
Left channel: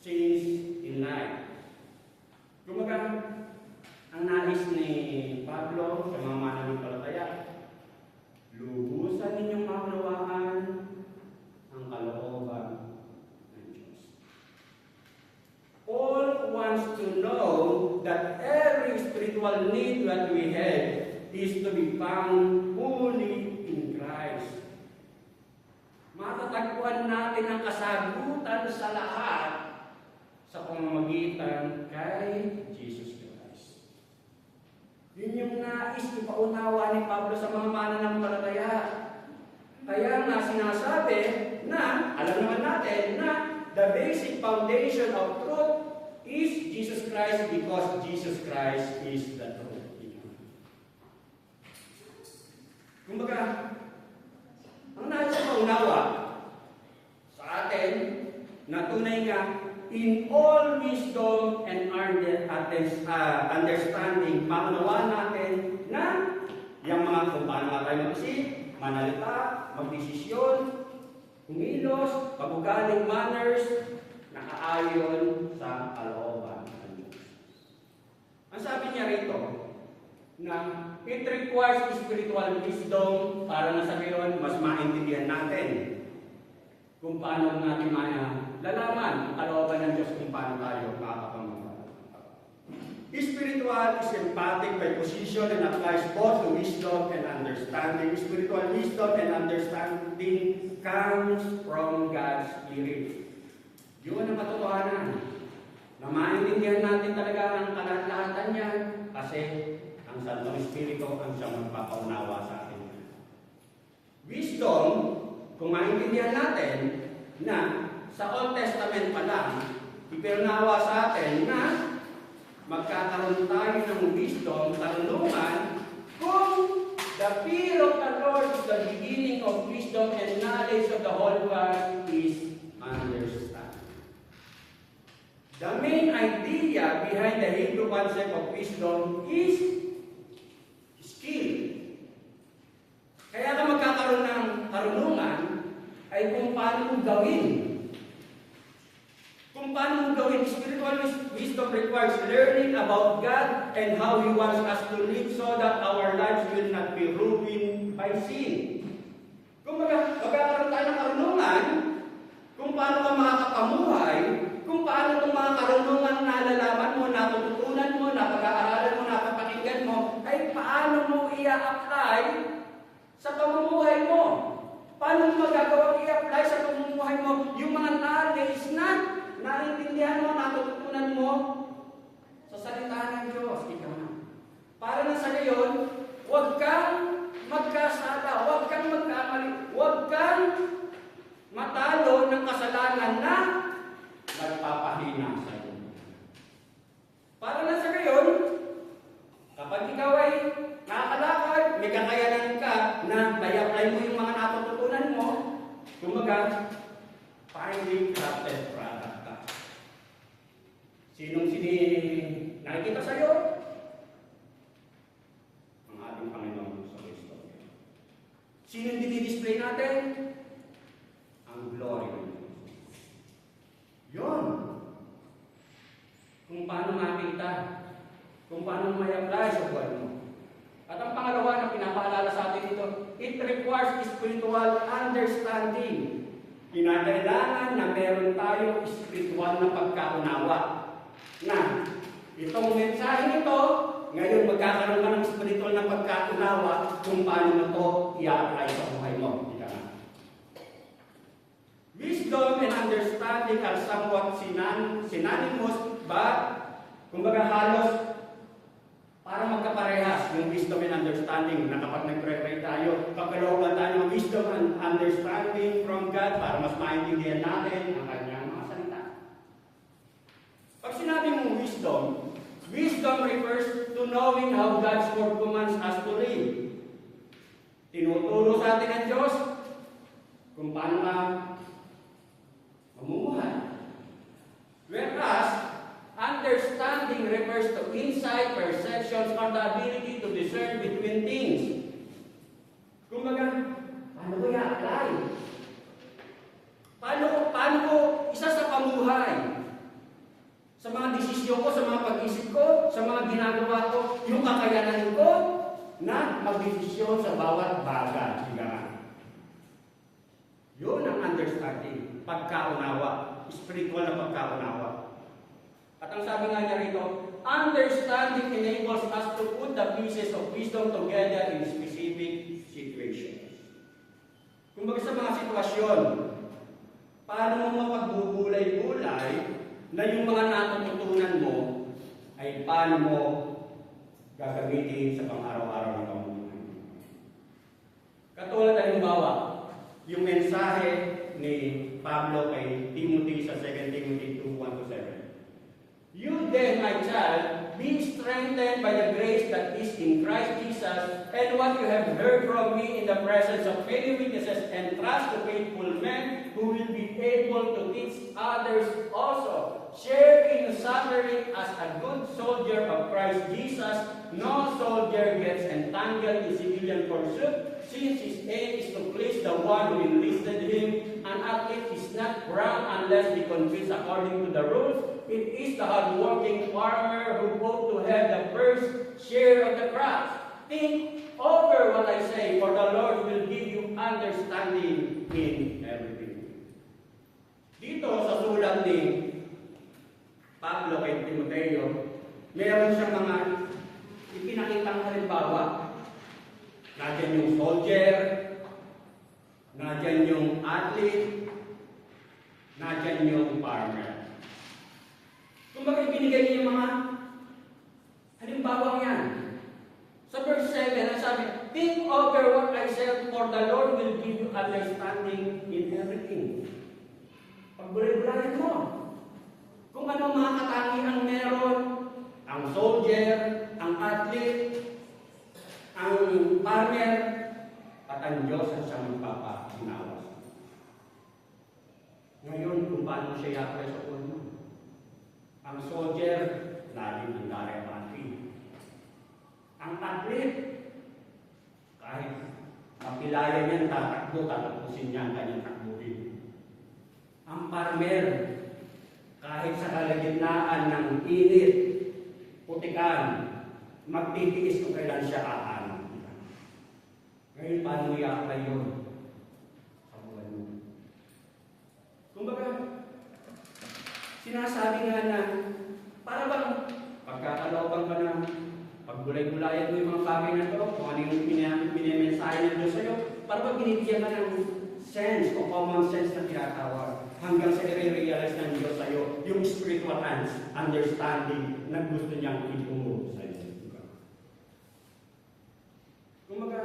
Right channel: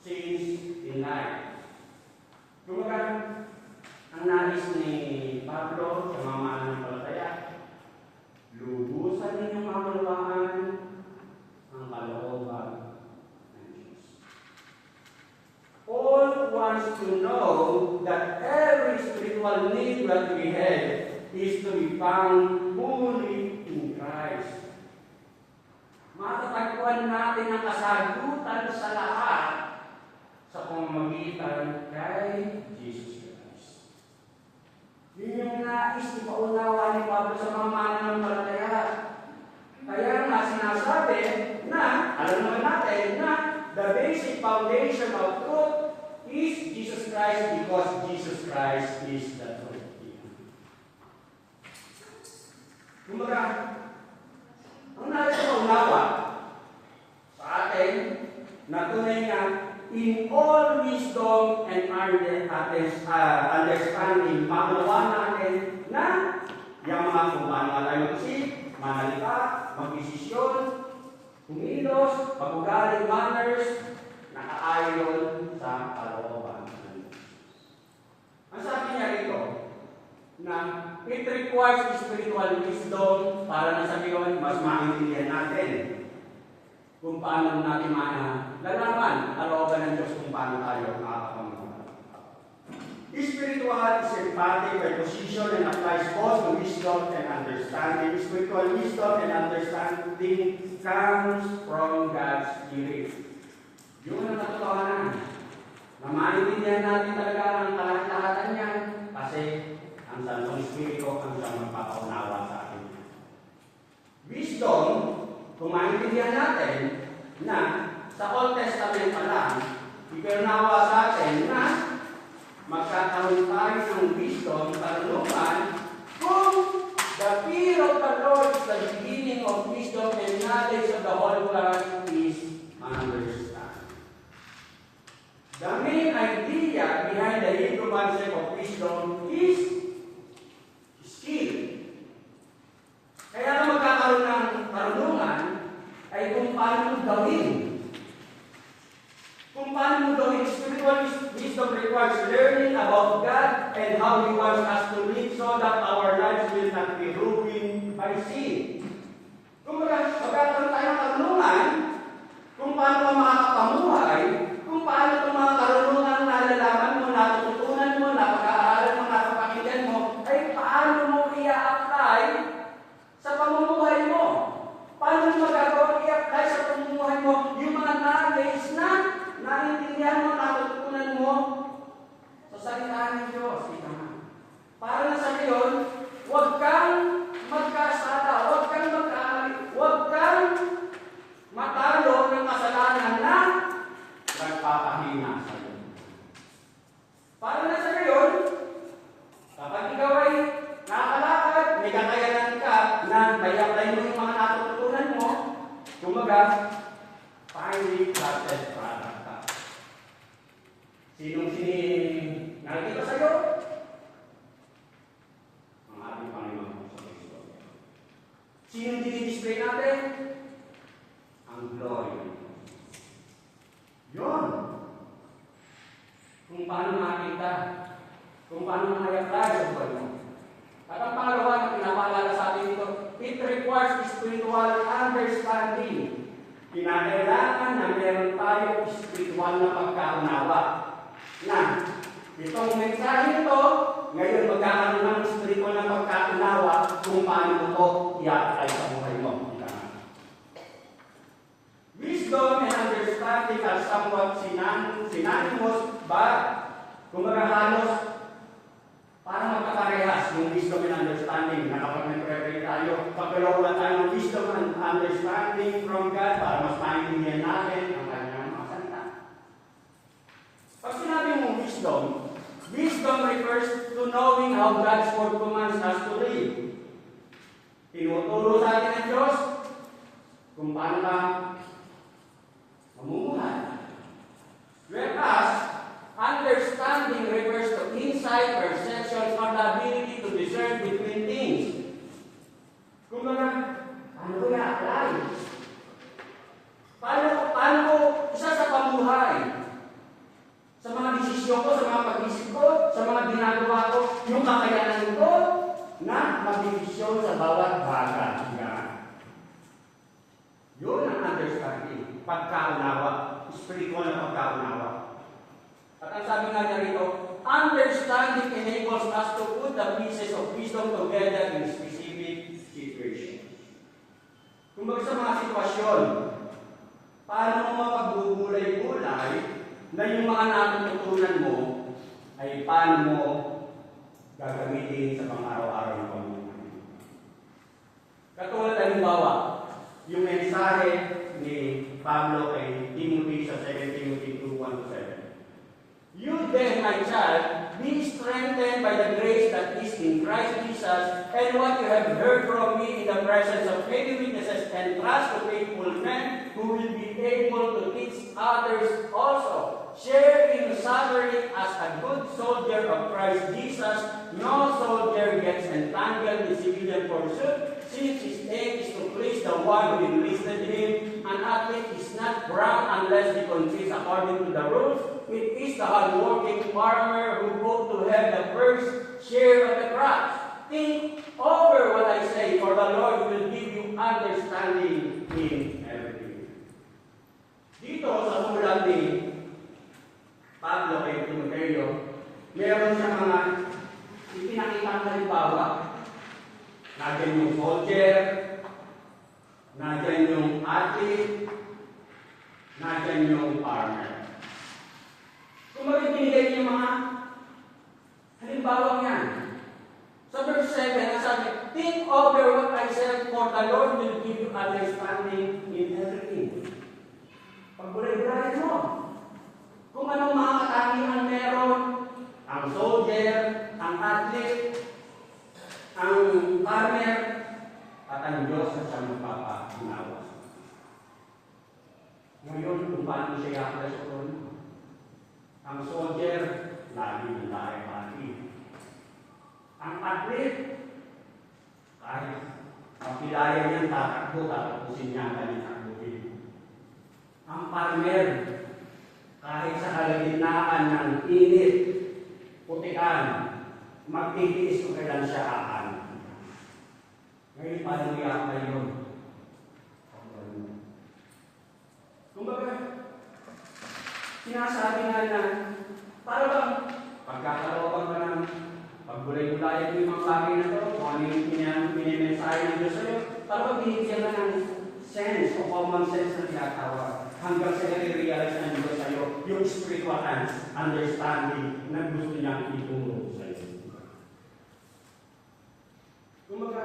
saints in light. Kumbaga, ang nais ni Pablo sa mga mananampalataya, lubusan ninyong makalawaan ang kalooban ng Diyos. Paul wants to know that every spiritual need that we have is to be found fully in Christ. Matatagpuan natin ang kasagutan sa lahat sa pamamagitan kay Jesus Christ. Yun yung nais ipaunawa ni Pablo sa mga mananampalataya. Kaya nga sinasabi na, alam naman natin na the basic foundation of truth is Jesus Christ because Jesus Christ is the truth. Kumbaga, ang nais ipaunawa sa atin na tunay nga in all wisdom and understanding, maunawa natin na yung mga kung paano tayo mag-isip, manalita, mag-desisyon, kumilos, pag-ugaling manners, nakaayon sa kalooban. Ang sabi niya rito, na it requires spiritual wisdom para na sabihin, mas maintindihan natin kung paano natin lalaman kalooban ng Diyos kung paano tayo makakapamuhay. Spiritual is empathic by position and applies both to wisdom and understanding. Spiritual wisdom and understanding comes from God's Spirit. Yun ang katotohanan. Na maintindihan natin talaga ang kalahatan niya kasi ang Santong Espiritu ang siyang magpapaunawa sa atin. Wisdom, kung maintindihan natin na sa Old Testament pa lang, ipinawa sa atin na magkakaroon tayo ng wisdom, karunungan, kung the fear of the Lord is the beginning of wisdom and knowledge of the whole world is understanding. The main idea behind the Hebrew concept of wisdom is skill. Kaya na magkakaroon ng karunungan ay kung paano mo gawin. Kung paano mo gawin. Spiritual wisdom requires learning about God and how He wants us to live so that our lives will not be ruined by sin. Kung magkakaroon tayo ng karunungan, kung paano ka makakapamuhay, kung paano itong mga karunungan na nalalaman mo, natututunan mo, napag-aaralan mo, napapakinggan mo, ay paano mo i-apply sa pamumuhay mo. Paano mo magagawa i-apply sa pamumuhay mo yung mga knowledge na naintindihan mo, natutunan mo sa salita ng Diyos. Para na sa ngayon, huwag kang magkasala, huwag kang magkamali, huwag kang matalo ng kasalanan na nagpapahina sa iyo. Para na sa ngayon, kapag ikaw ay nakakalakad, may kakayanan ka na i-apply mo yung mga natutunan mo, kumaga, finally processed product ka. Sinong nakikita sa iyo? Ang ating Panginoon sa Kristo. Sinong dinidisplay natin? Ang glory ng Diyos. Yun. Kung paano makita, kung paano ma-apply sa buhay mo. At ang pangalawa na pinapaalala sa atin dito, it requires spiritual understanding. Kinakailangan na meron tayo spiritual na pagkaunawa. Na, itong mensahe ito, ngayon magkakaroon ka ng spiritual na pagkaunawa kung paano mo ito i-apply sa buhay mo. Wisdom and understanding are somewhat synonymous, but kumbaga halos para magkaparehas yung wisdom and understanding na kapag nag-pray tayo, pagkalawan tayo ng wisdom and understanding from God para mas maintindihan natin ang kanyang mga salita. Pag sinabi mong wisdom, wisdom refers to knowing how God's word commands us to live. Tinuturo sa atin ng Diyos kung paano ka mamumuhay. Whereas, understanding refers to insight, perception, or the ability to discern between things. Kung ano ko i-apply? Paano ko isa sa pamuhay? Sa mga desisyon ko, sa mga pag-isip ko, sa mga ginagawa ko, yung kakayanan ko na mag-desisyon sa bawat bagay. Yun ang understanding, pagkaunawa, spiritual na pagkaunawa. At ang sabi nga niya rito, understanding enables us to put the pieces of wisdom together in specific situations. Kung baga sa mga sitwasyon, paano mo magbubulay-bulay na yung mga natutunan mo ay paano mo gagamitin sa pang-araw-araw ng pamumuhay. Katulad halimbawa, yung mensahe ni Pablo kay Timothy sa 2 Timothy 2:1-7. You then, my child, be strengthened by the grace that is in Christ Jesus, and what you have heard from me in the presence of many witnesses, and trust to faithful men who will be able to teach others also. Share in suffering as a good soldier of Christ Jesus. No soldier gets entangled in civilian pursuit, since his aim is to please the one who enlisted him. An athlete is not crowned unless he competes according to the rules. It is the hard-working farmer who hopes to have the first share of the crops. Think over what I say, for the Lord will give you understanding in everything. Dito sa sulat ni Pablo kay Timoteo, meron siya mga ipinakitang halimbawa. Nandiyan yung soldier, nandiyan yung athlete, nandiyan yung farmer. Kung bakit binigay niya mga halimbawa yan, Sa verse 7, sabi, think over what I said, for the Lord will give you understanding in everything. Pagbulay-bulay mo. Kung anong mga katangian meron, ang soldier, ang athlete, ang farmer, at ang Diyos na siya magpapakinawa. Ngayon, kung paano siya yakla sa ulo. Ang soldier, lagi nilari pati. Ang athlete, kahit makilaya niyan, tatakbusin niya kanyang takbuhin. Ang farmer, kahit sa kalagitnaan ng init, putikan, magtitiis kung kailan siya aan. Ngayon, paano yakla yun? Kumbaga, sinasabi nga na, para bang pagkakalawakan ka ng pagbulay-bulayan mo yung mga bagay na ito, kung ano yung pinimensahe ng Diyos sa'yo, para bang binigyan ka ng sense o common sense na tinatawag hanggang sa i-realize ng Diyos sa'yo yung spiritual understanding na gusto niyang ituro sa'yo. Kumbaga,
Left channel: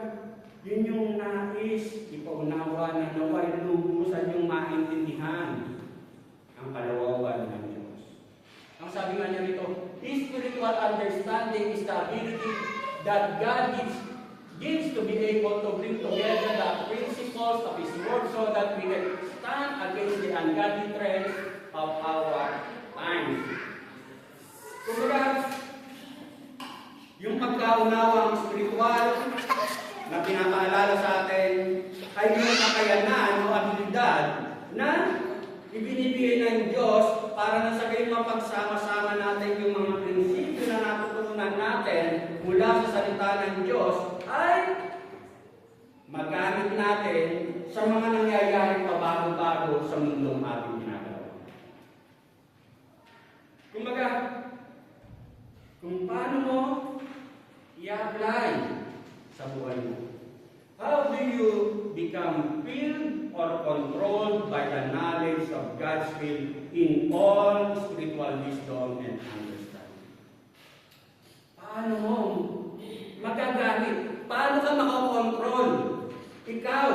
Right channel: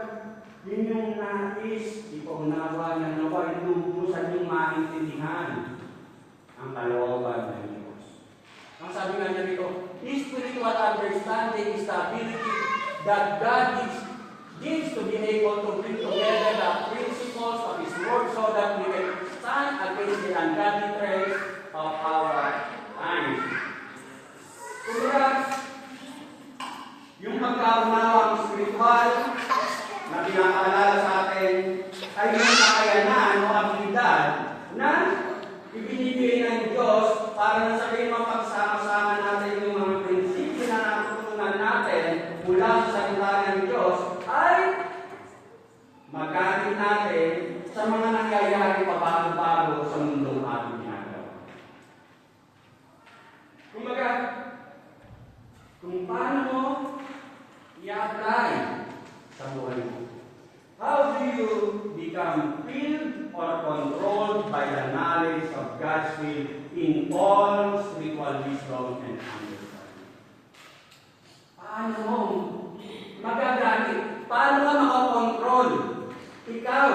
yun yung nais, ipaunawa ng nawa, inubusan yung maintindihan ang kalawagan ng Diyos. Ang sabi nga niya dito, spiritual understanding is the ability that God gives to be able to bring together the principles of His Word so that we can stand against the ungodly trends of our times. Kumbaga, yung pagkaunawang spiritual na pinapaalala sa atin ay may kakayanan o abilidad na ibinibigay ng Diyos para na sabihin mapagsama-sama natin yung mga prinsipyo na natutunan natin mula sa salita ng Diyos ay magamit natin sa mga nangyayaring pabago-bago sa mundong ating ginagawa. Kumbaga, kung paano mo i-apply sa buhay mo. How do you become filled or controlled by the knowledge of God's will in all spiritual wisdom and understanding? Paano mo magagamit? Paano ka makakontrol? Ikaw,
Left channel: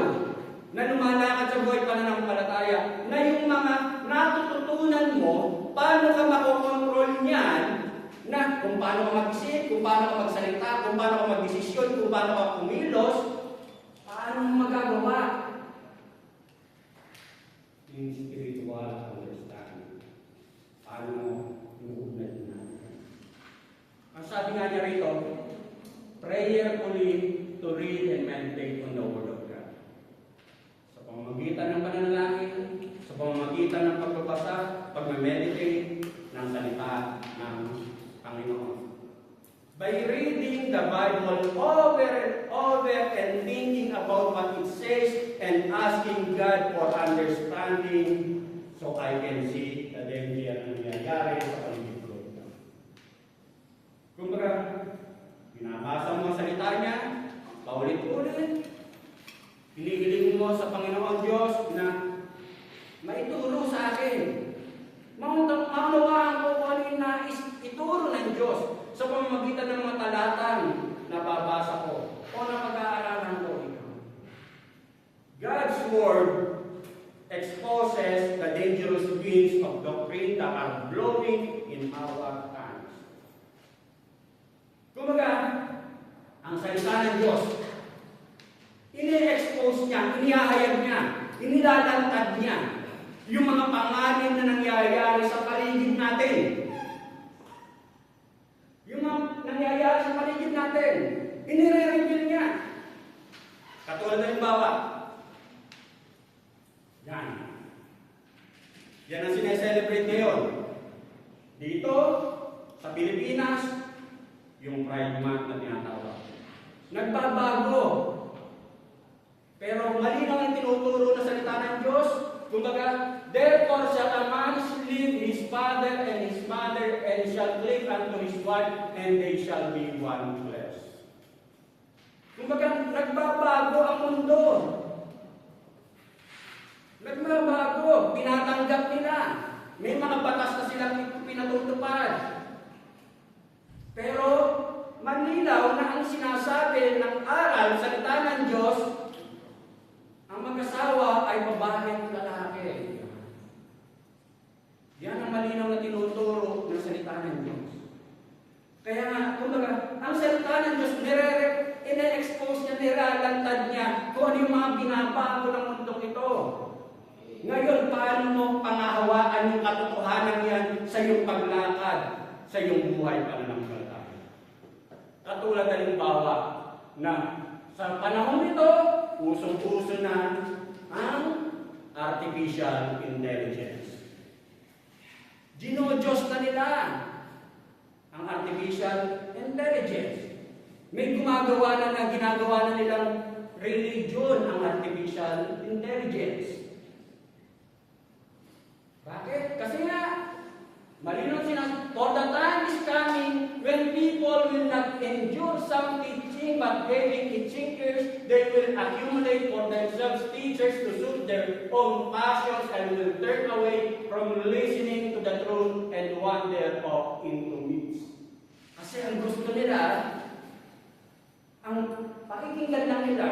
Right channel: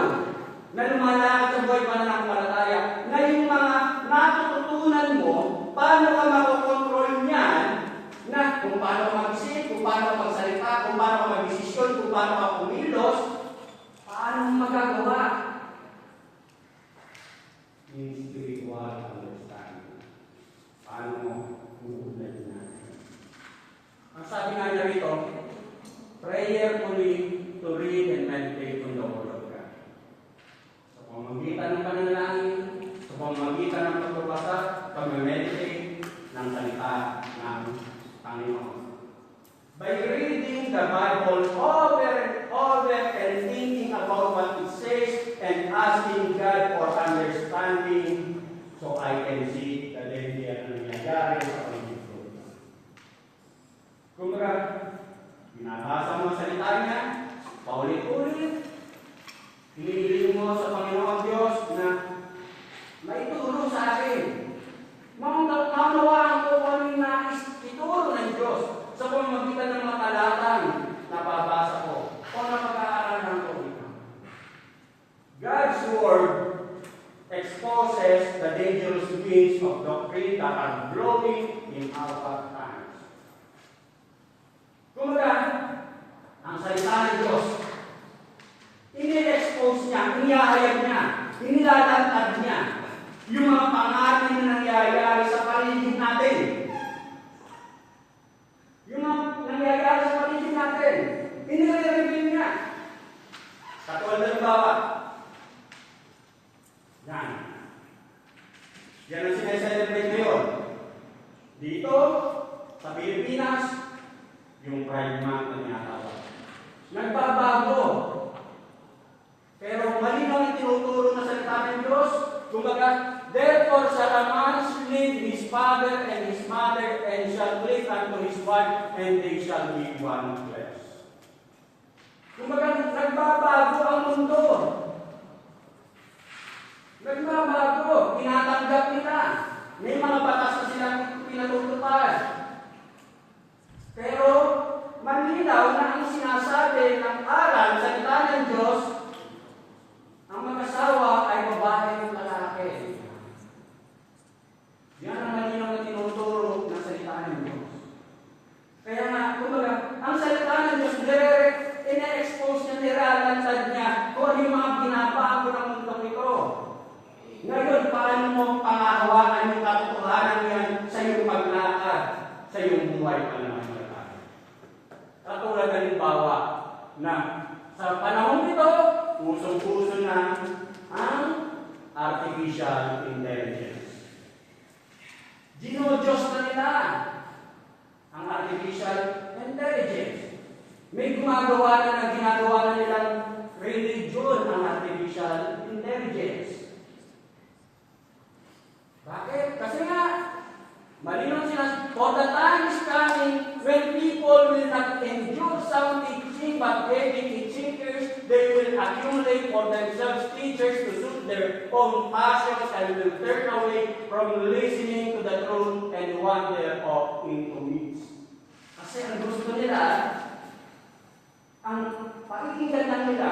na lumalakad sa buhay pananampalataya, na yung mga natututunan mo, paano ka makakontrol niyan? Na kung paano ka mag-isip, kung paano ka magsalita, kung paano ka mag-desisyon, kung paano ka kumilos, paano mo magagawa? Yung spiritual understanding. Paano mo uunahin natin? Ang sabi nga niya rito, prayerfully to read and meditate on the Word of God. Sa pamamagitan ng pananalangin, sa pamamagitan ng pagbabasa, pag-meditate ng salita ng Panginoon. By reading the Bible over and over and thinking about what it says and asking God for understanding so I can see the danger na nangyayari sa paligid ko. Kumbaga, binabasa mo ang salita niya, paulit-ulit, hinihiling mo sa Panginoon Diyos na maituro sa akin. Naunawaan ko ano yung nais ituro ng Diyos sa pamamagitan ng mga talatang nababasa ko o napag-aaralan ko ito. God's Word exposes the dangerous winds of doctrine that are blowing in our times. Kumbaga, ang salita ng Diyos, ini-expose niya, inihayag niya, inilalantad niya yung mga pangalan na nangyayari sa paligid natin. Yung mga nangyayari sa paligid natin, inire-reveal niya. Katulad ng bawa. Yan. Yan ang sineselebrate ngayon. Dito, sa Pilipinas, yung Pride Month na tinatawag. Nagbabago. Pero malinaw ang tinuturo na salita ng Diyos. Kumbaga, therefore shall a man leave his father and his mother, and shall cleave unto his wife, and they shall be one flesh. Kumbaga, nagbabago ang mundo. Nagbabago. Tinatanggap nila. May mga batas na silang pinatutupad. Pero, malinaw na ang sinasabi natin ang aral, salita ng Diyos, ang mag-asawa ay babae at lalaki. Yan ang malinaw na tinuturo ng salita ng Diyos. Kaya nga, kumbaga, ang salita ng Diyos, ina-expose niya, nilalantad niya kung ano yung mga binabago ng mundo ito. Ngayon, paano mo pangahawakan yung katotohanan yan sa iyong paglakad, sa iyong buhay pananampalataya? Katulad ng halimbawa na sa panahon nito, usong-uso na ang artificial intelligence. Diyos na nila ang artificial intelligence. May ginagawa na nilang religion ang artificial intelligence. Bakit? Kasi nga, malinaw sila, for the time is coming when people will not endure sound teaching but heavy seekers, they will accumulate for themselves teachers to suit their own passions and will turn away from listening to the truth and wander off into myths. Kasi ang gusto nila, ang pakikinggan na nila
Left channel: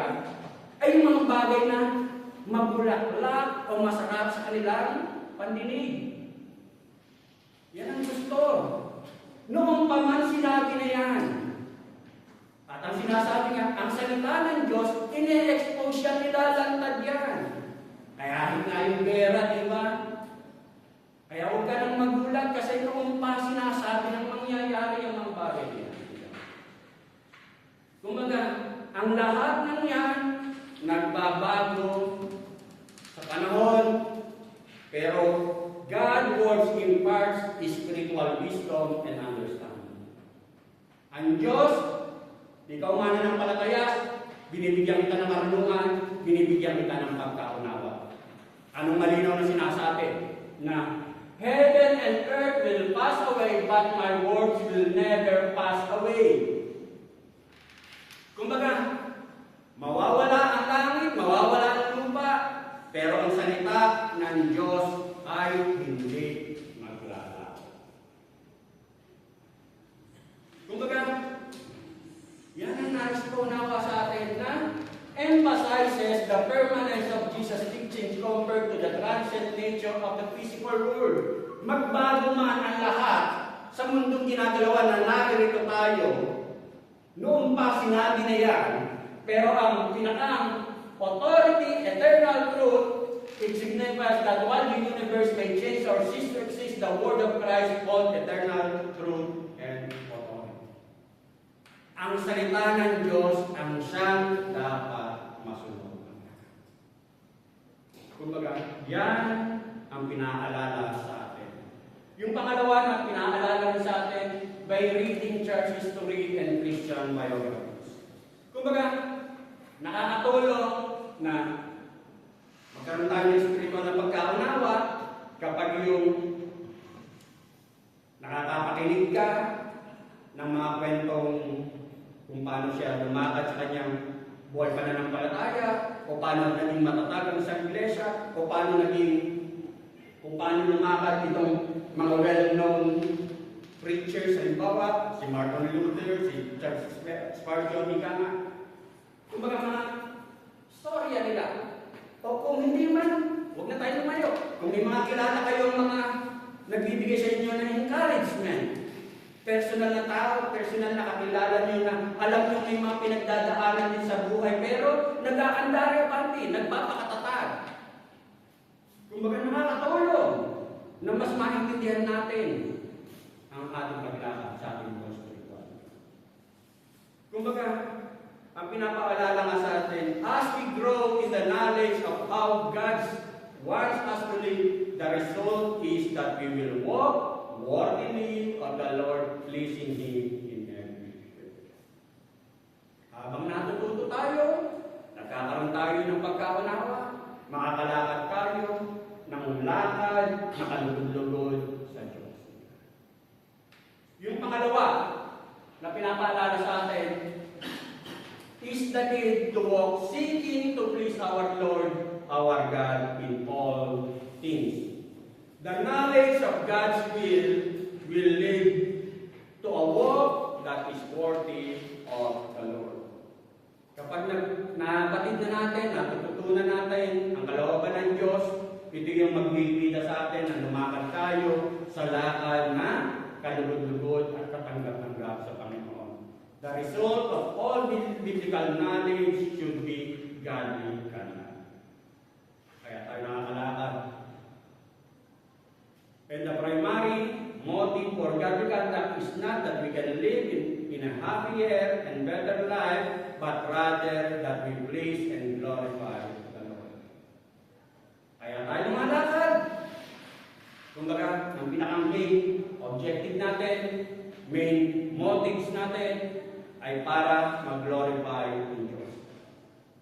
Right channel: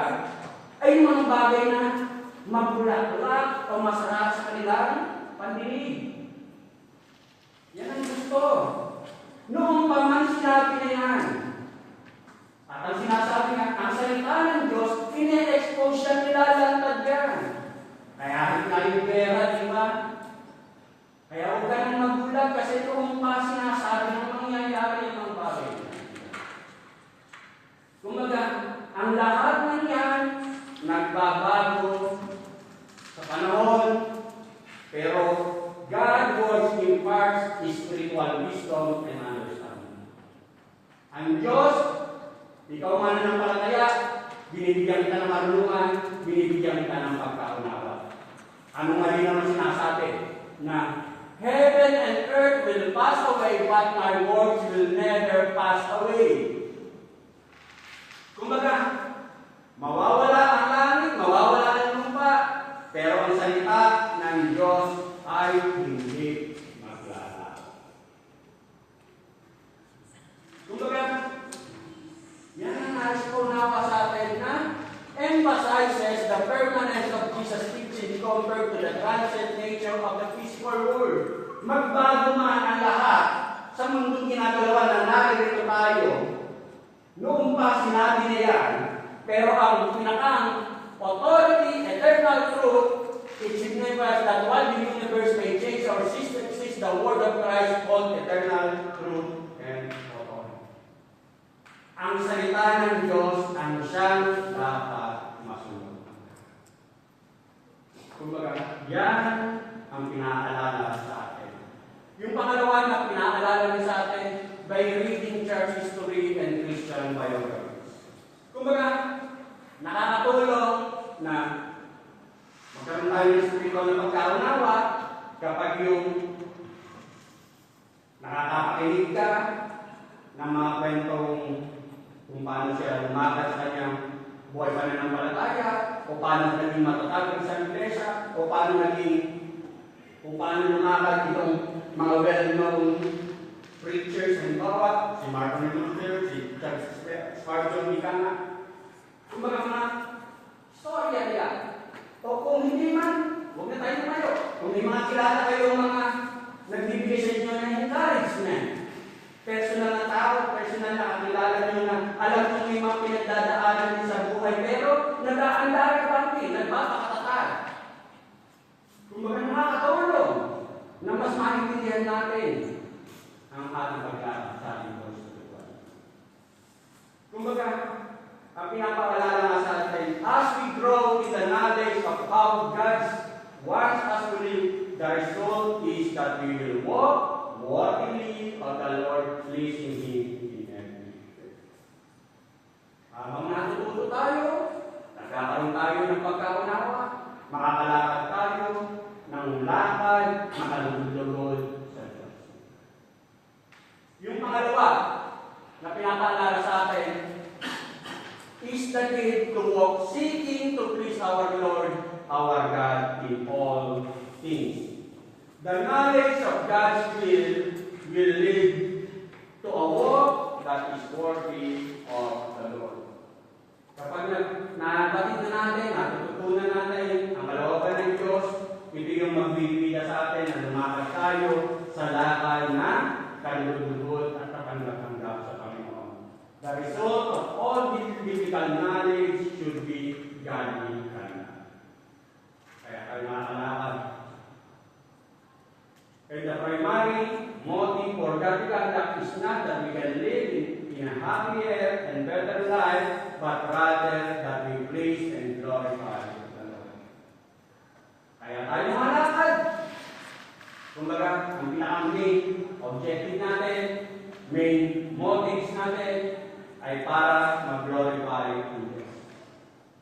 ay yung mga bagay na mabulaklak o masarap sa kanilang pandinig. Yan ang gusto. Noong pa man sinabi na yan. At ang sinasabi niya, ang salita ng Diyos, ine-expose siya, nilalantad yan. Kaya hindi tayong pera, di ba? Kaya huwag ka nang magulat kasi noong pa sinasabi ng mangyayari yung mga bagay. Kumaga, ang lahat ng yan, nagbabago sa panahon, pero God works imparts spiritual wisdom and understanding. Ang Diyos, ikaw mananampalataya, binibigyan kita ng marunungan, binibigyan kita ng pagkaunawa. Anong malinaw na sinasabi? Na heaven and earth will pass away, but my words will never pass away. Kumbaga, mawawala ang langit, mawawala ang lupa, pero ang salita ng Diyos ay hindi maglalaho. Kumbaga, yan ang nais ko nawa sa atin na emphasizes the permanence of Jesus' teaching compared to the transient nature of the physical world. Magbago man ang lahat sa mundong ginagalawan na naririto tayo. Noong pa sinabi na yan, pero ang pinakang authority, eternal truth, it signifies that while the universe may change or cease to exist, the word of Christ called eternal truth and authority. Ang salita ng Diyos ang siyang dapat masunod. Kumbaga, yan ang pinaalala sa atin. Yung pangalawa na pinaalala sa atin by reading church history and Christian biographies. Kumbaga, nakakatulong na magkaroon tayo ng spiritual na pagkaunawa kapag yung nakakapakinig ka ng mga kwentong kung paano siya lumakad sa kanyang buhay pananampalataya, o paano naging matatag sa iglesia, o paano lumakad itong mga well-known preachers, halimbawa, si Martin Luther, si Charles Spurgeon, kumbaga mga storya nila. O kung hindi man, huwag na tayo tumayo. Kung may mga kilala kayong mga nagbibigay sa inyo ng encouragement, personal na tao, personal na kakilala nyo na alam nyo may mga pinagdadaanan din sa buhay, pero nag-aandara pa din, nagpapakatatag. Kumbaga nakakatulong na mas maintindihan natin ang ating paglalakad sa ating buhay spiritual. Kumbaga, ang pinapaalala nga sa atin, as we grow in the knowledge of how God wants us to live, the result is that we will walk worthily of the Lord, pleasing Him in every way. Habang natututo tayo, nagkakaroon tayo ng pagkaunawa, makakalakad tayo ng lakad, makalugod-lugod sa Diyos. Yung pangalawa na pinapaalala sa atin is the gift to walk seeking to please our Lord, our God in all things. The knowledge of God's will lead to a walk that is worthy of the Lord. theological knowledge should be godly conduct. Kaya tayo nakakalakad. And the primary motive for godly conduct is not that we can live in a happier and better life, but rather that we please and glorify the Lord. Kaya tayo lumalakad. Kumbaga, ang pinaka-main objective natin, main motives natin, ay para mag-glorify ang Diyos.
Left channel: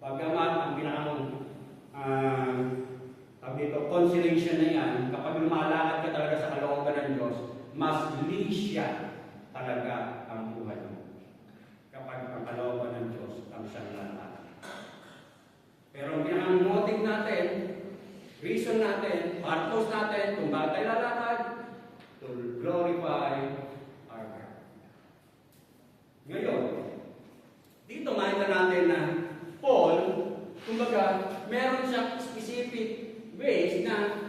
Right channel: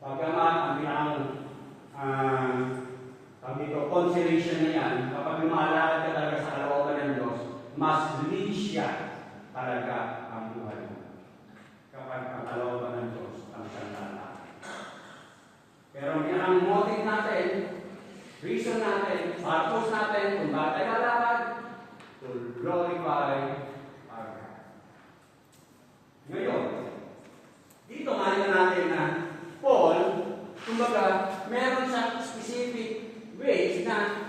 Pagkaman, ang consideration na yan, kapag lumalakad ka talaga sa kalooban ng Diyos, mas lisya talaga ang buhay mo. Kapag ang kalooban ng Diyos ang siyang lalakad. Pero ang pinaka-motive natin, reason natin, purpose natin, kung bakit tayo lalakad, to glorify our God. Ngayon, dito makita natin na Paul, kumbaga, meron siyang specific ways na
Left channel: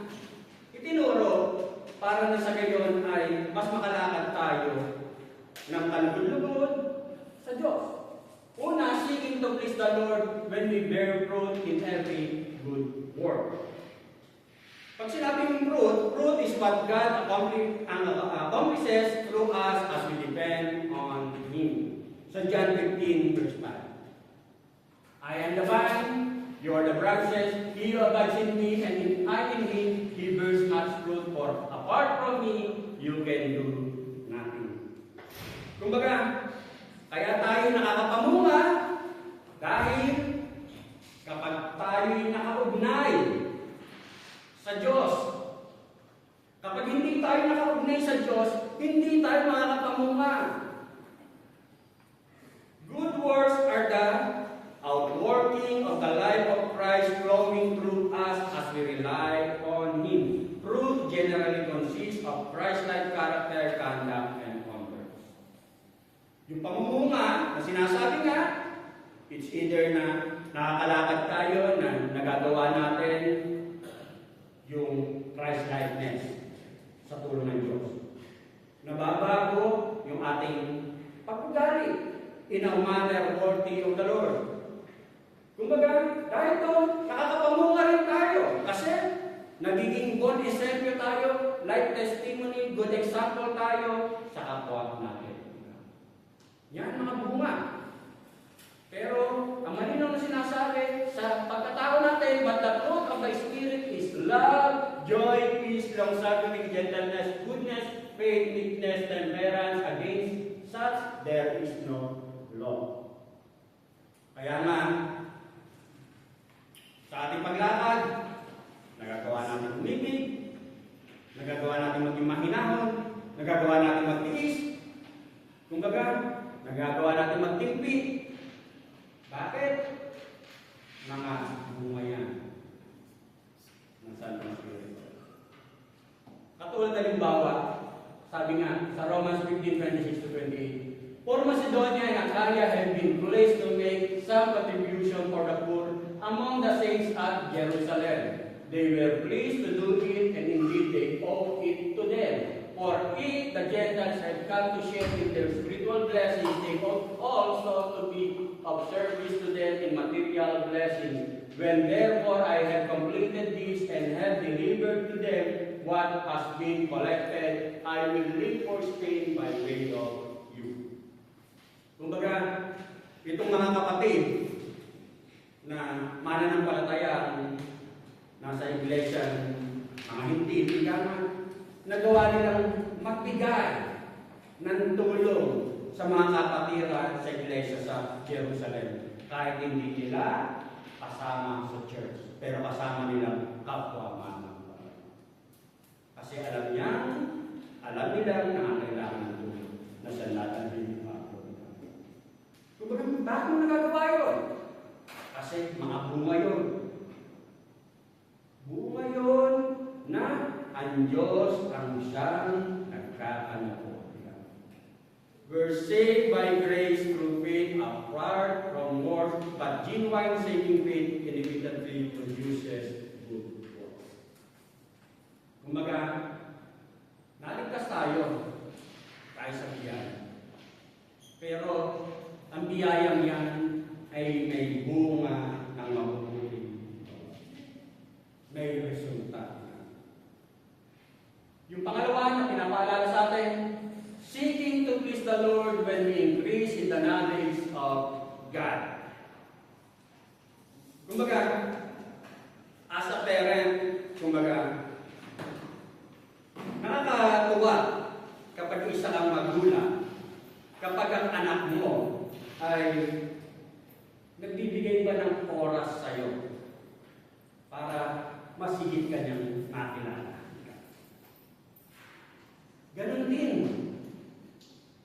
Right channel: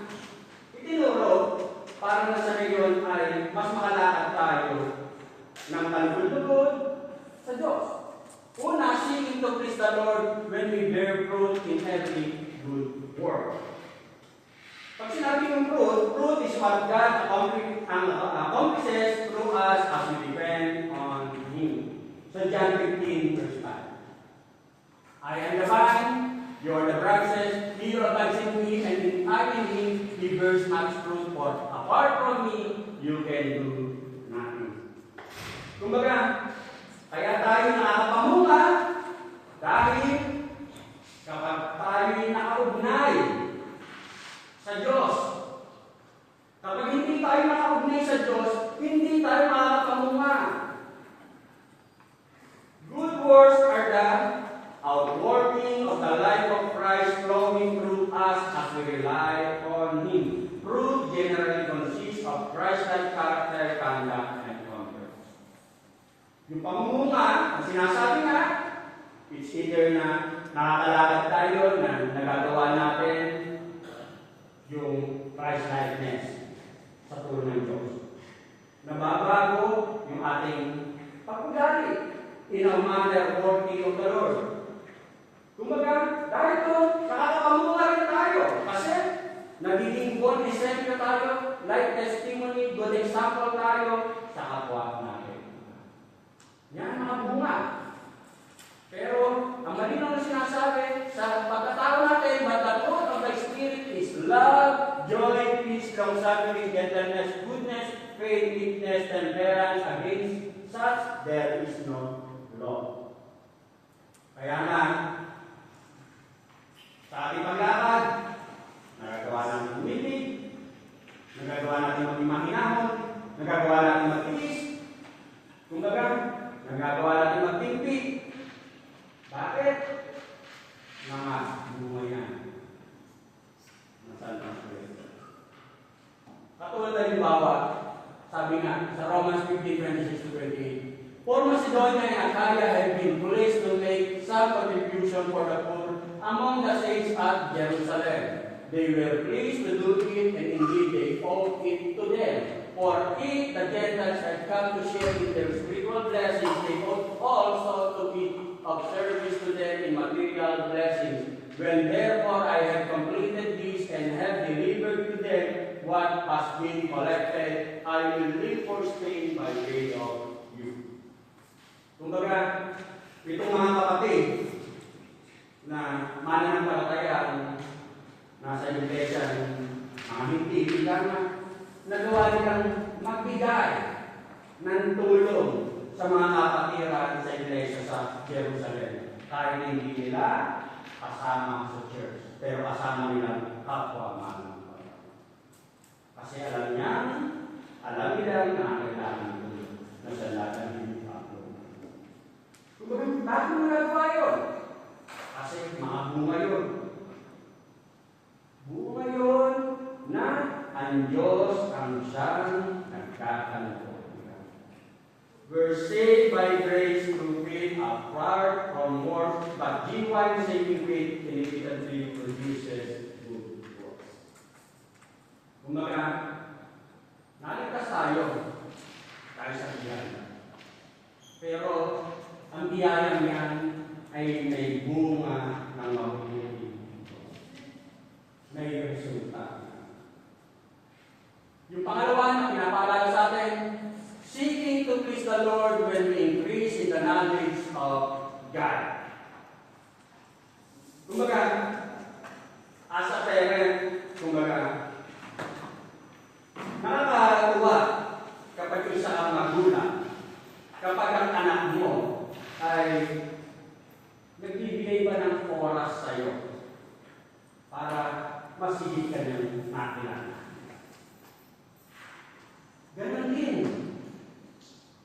itinuro para na sa ngayon ay mas makalakad tayo ng talbud-lubod sa Diyos. Una, seeking to please the Lord when we bear fruit in every good work. Pag sinabi ng fruit is what God accomplishes through us as we depend on Him. So John 15, verse 5. I am the vine, you are the branches, he who abides in me, and I in him, he bears much fruit, for apart from me, you can do nothing. Kumbaga, kaya tayo nakakapamunga dahil kapag tayo'y nakaugnay sa Diyos. Kapag hindi tayo nakaugnay sa Diyos, hindi tayo makakapamunga. Good works are the outworking of the life of Christ flowing through us as we rely on Him. Fruit generally consists of Christ-like character, conduct, and conduct. Yung pamumunga, na sinasabi nga, it's either na nakakalakad tayo na nagagawa natin yung Christ-likeness sa tulong ng Diyos. Nababago yung ating pag-ugali in a manner worthy of the Lord. Kumbaga, dahil doon, nakakapamunga rin tayo. Kasi, nagiging good example tayo, like testimony, good example tayo sa kapwa natin. Yan mga bunga. Pero, ang malinaw na sinasabi, sa pagkatao natin, but the fruit of the Spirit is love, joy, peace, long-suffering, gentleness, goodness, faith, meekness, temperance. Against such, there is no law. Kaya nga, sa ating paglakad, nagagawa natin umibig, nagagawa natin maging mahinahon, nagagawa natin magtiis, kumbaga, nagagawa natin magtimpi. Bakit? Mga bunga yan. Nasaan ang Spirit? Katulad halimbawa, sabi nga, sa Romans 15:26-28, for Macedonia and Achaia have been blessed to make some contribution for the poor among the saints at Jerusalem. They were pleased to do it, and indeed they owe it to them. For if the Gentiles had come to share in their spiritual blessings, they ought also to be of service to them in material blessings. When therefore I have completed this and have delivered to them what has been collected, I will leave for Spain by way of you. Kumbaga, itong mga kapatid na mananampalataya nasa iglesia mga hindi lamang nagawa nilang magbigay ng tulong sa mga kapatiran sa iglesia sa Jerusalem. Kahit hindi nila kasama sa church, pero kasama nila kapwa mananampalataya. Kasi alam nila na kailangan ng tulong na sa lahat ng Kung bakit mo nagagawa yun? Kasi mga bunga yun. Bunga yun na ang Diyos ang siyang nagkakaloob. We're saved by grace through faith apart from works, but genuine saving faith inevitably produces good works. Kumbaga, naligtas tayo sa biyaya. Pero, ang biyayang yan ay ay may bunga ng mabubuti. May resulta. Yung pangalawa na pinapaalala sa atin, seeking to please the Lord when we increase in the knowledge of God. Kumbaga, as a parent, nakakatuwa kapag isa ang magulang, kapag ang anak mo ay nagbibigay ba ng oras sa iyo para masigit ka niyang nakilala. Ganon din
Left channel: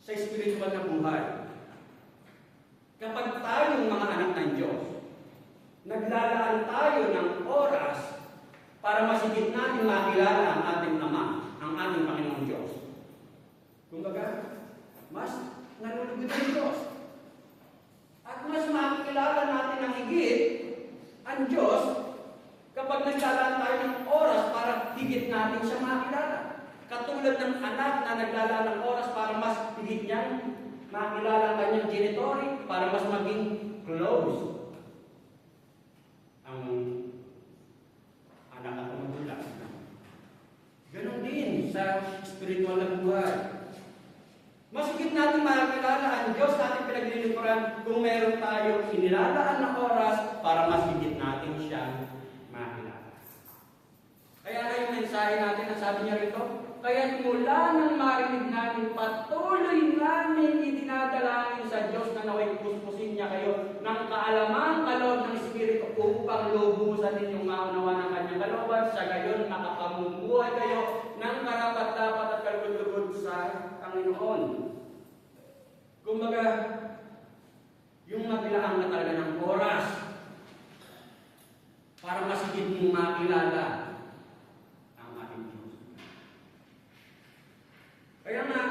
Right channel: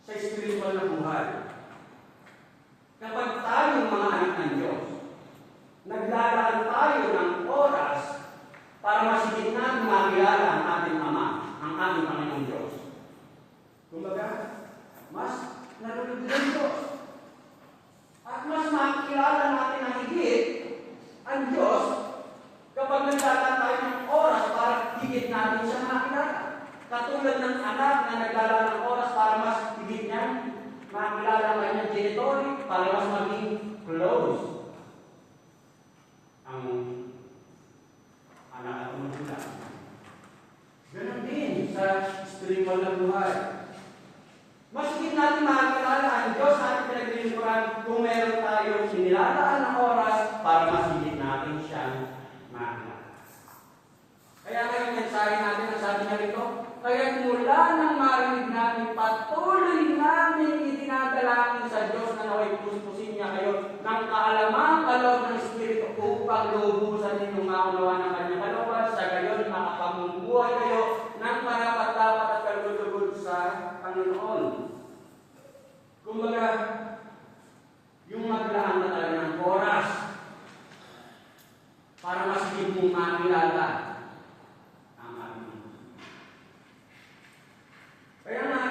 sa spiritual na buhay. Kapag tayong mga anak ng Diyos, naglalaan tayo ng oras para masigit natin makilala ang ating Ama, ang aming Panginoong Diyos. Kumbaga, mas nalulugod ang Diyos. At mas makikilala natin ang higit ang Diyos kapag naglalaan tayo ng oras para higit natin siya makilala. Katulad ng anak na naglalaan ng oras para mas higit niya makilala ang kanyang genitory para mas maging close ang anak at magulang. Ganon din sa spiritual na buhay. Mas higit natin makakilala ang Diyos na ating pinaglilingkuran kung meron tayong sinilalaan na oras para mas higit natin siyang makilala. Kaya yung mensahe natin na sabi niya rito, kaya mula nang marinig natin, patuloy namin itinadalangin sa Diyos na naway puspusin niya kayo ng kaalamang kaloob ng Espiritu upang lubusan ninyong maunawaan ng kanyang kalooban, sa gayon makapamumuhay kayo ng marapat-dapat at kalulugod sa Panginoon. Kumbaga, yung maglaan na talaga ng oras para mas higit mong makilala ang ating Diyos. Kaya nga,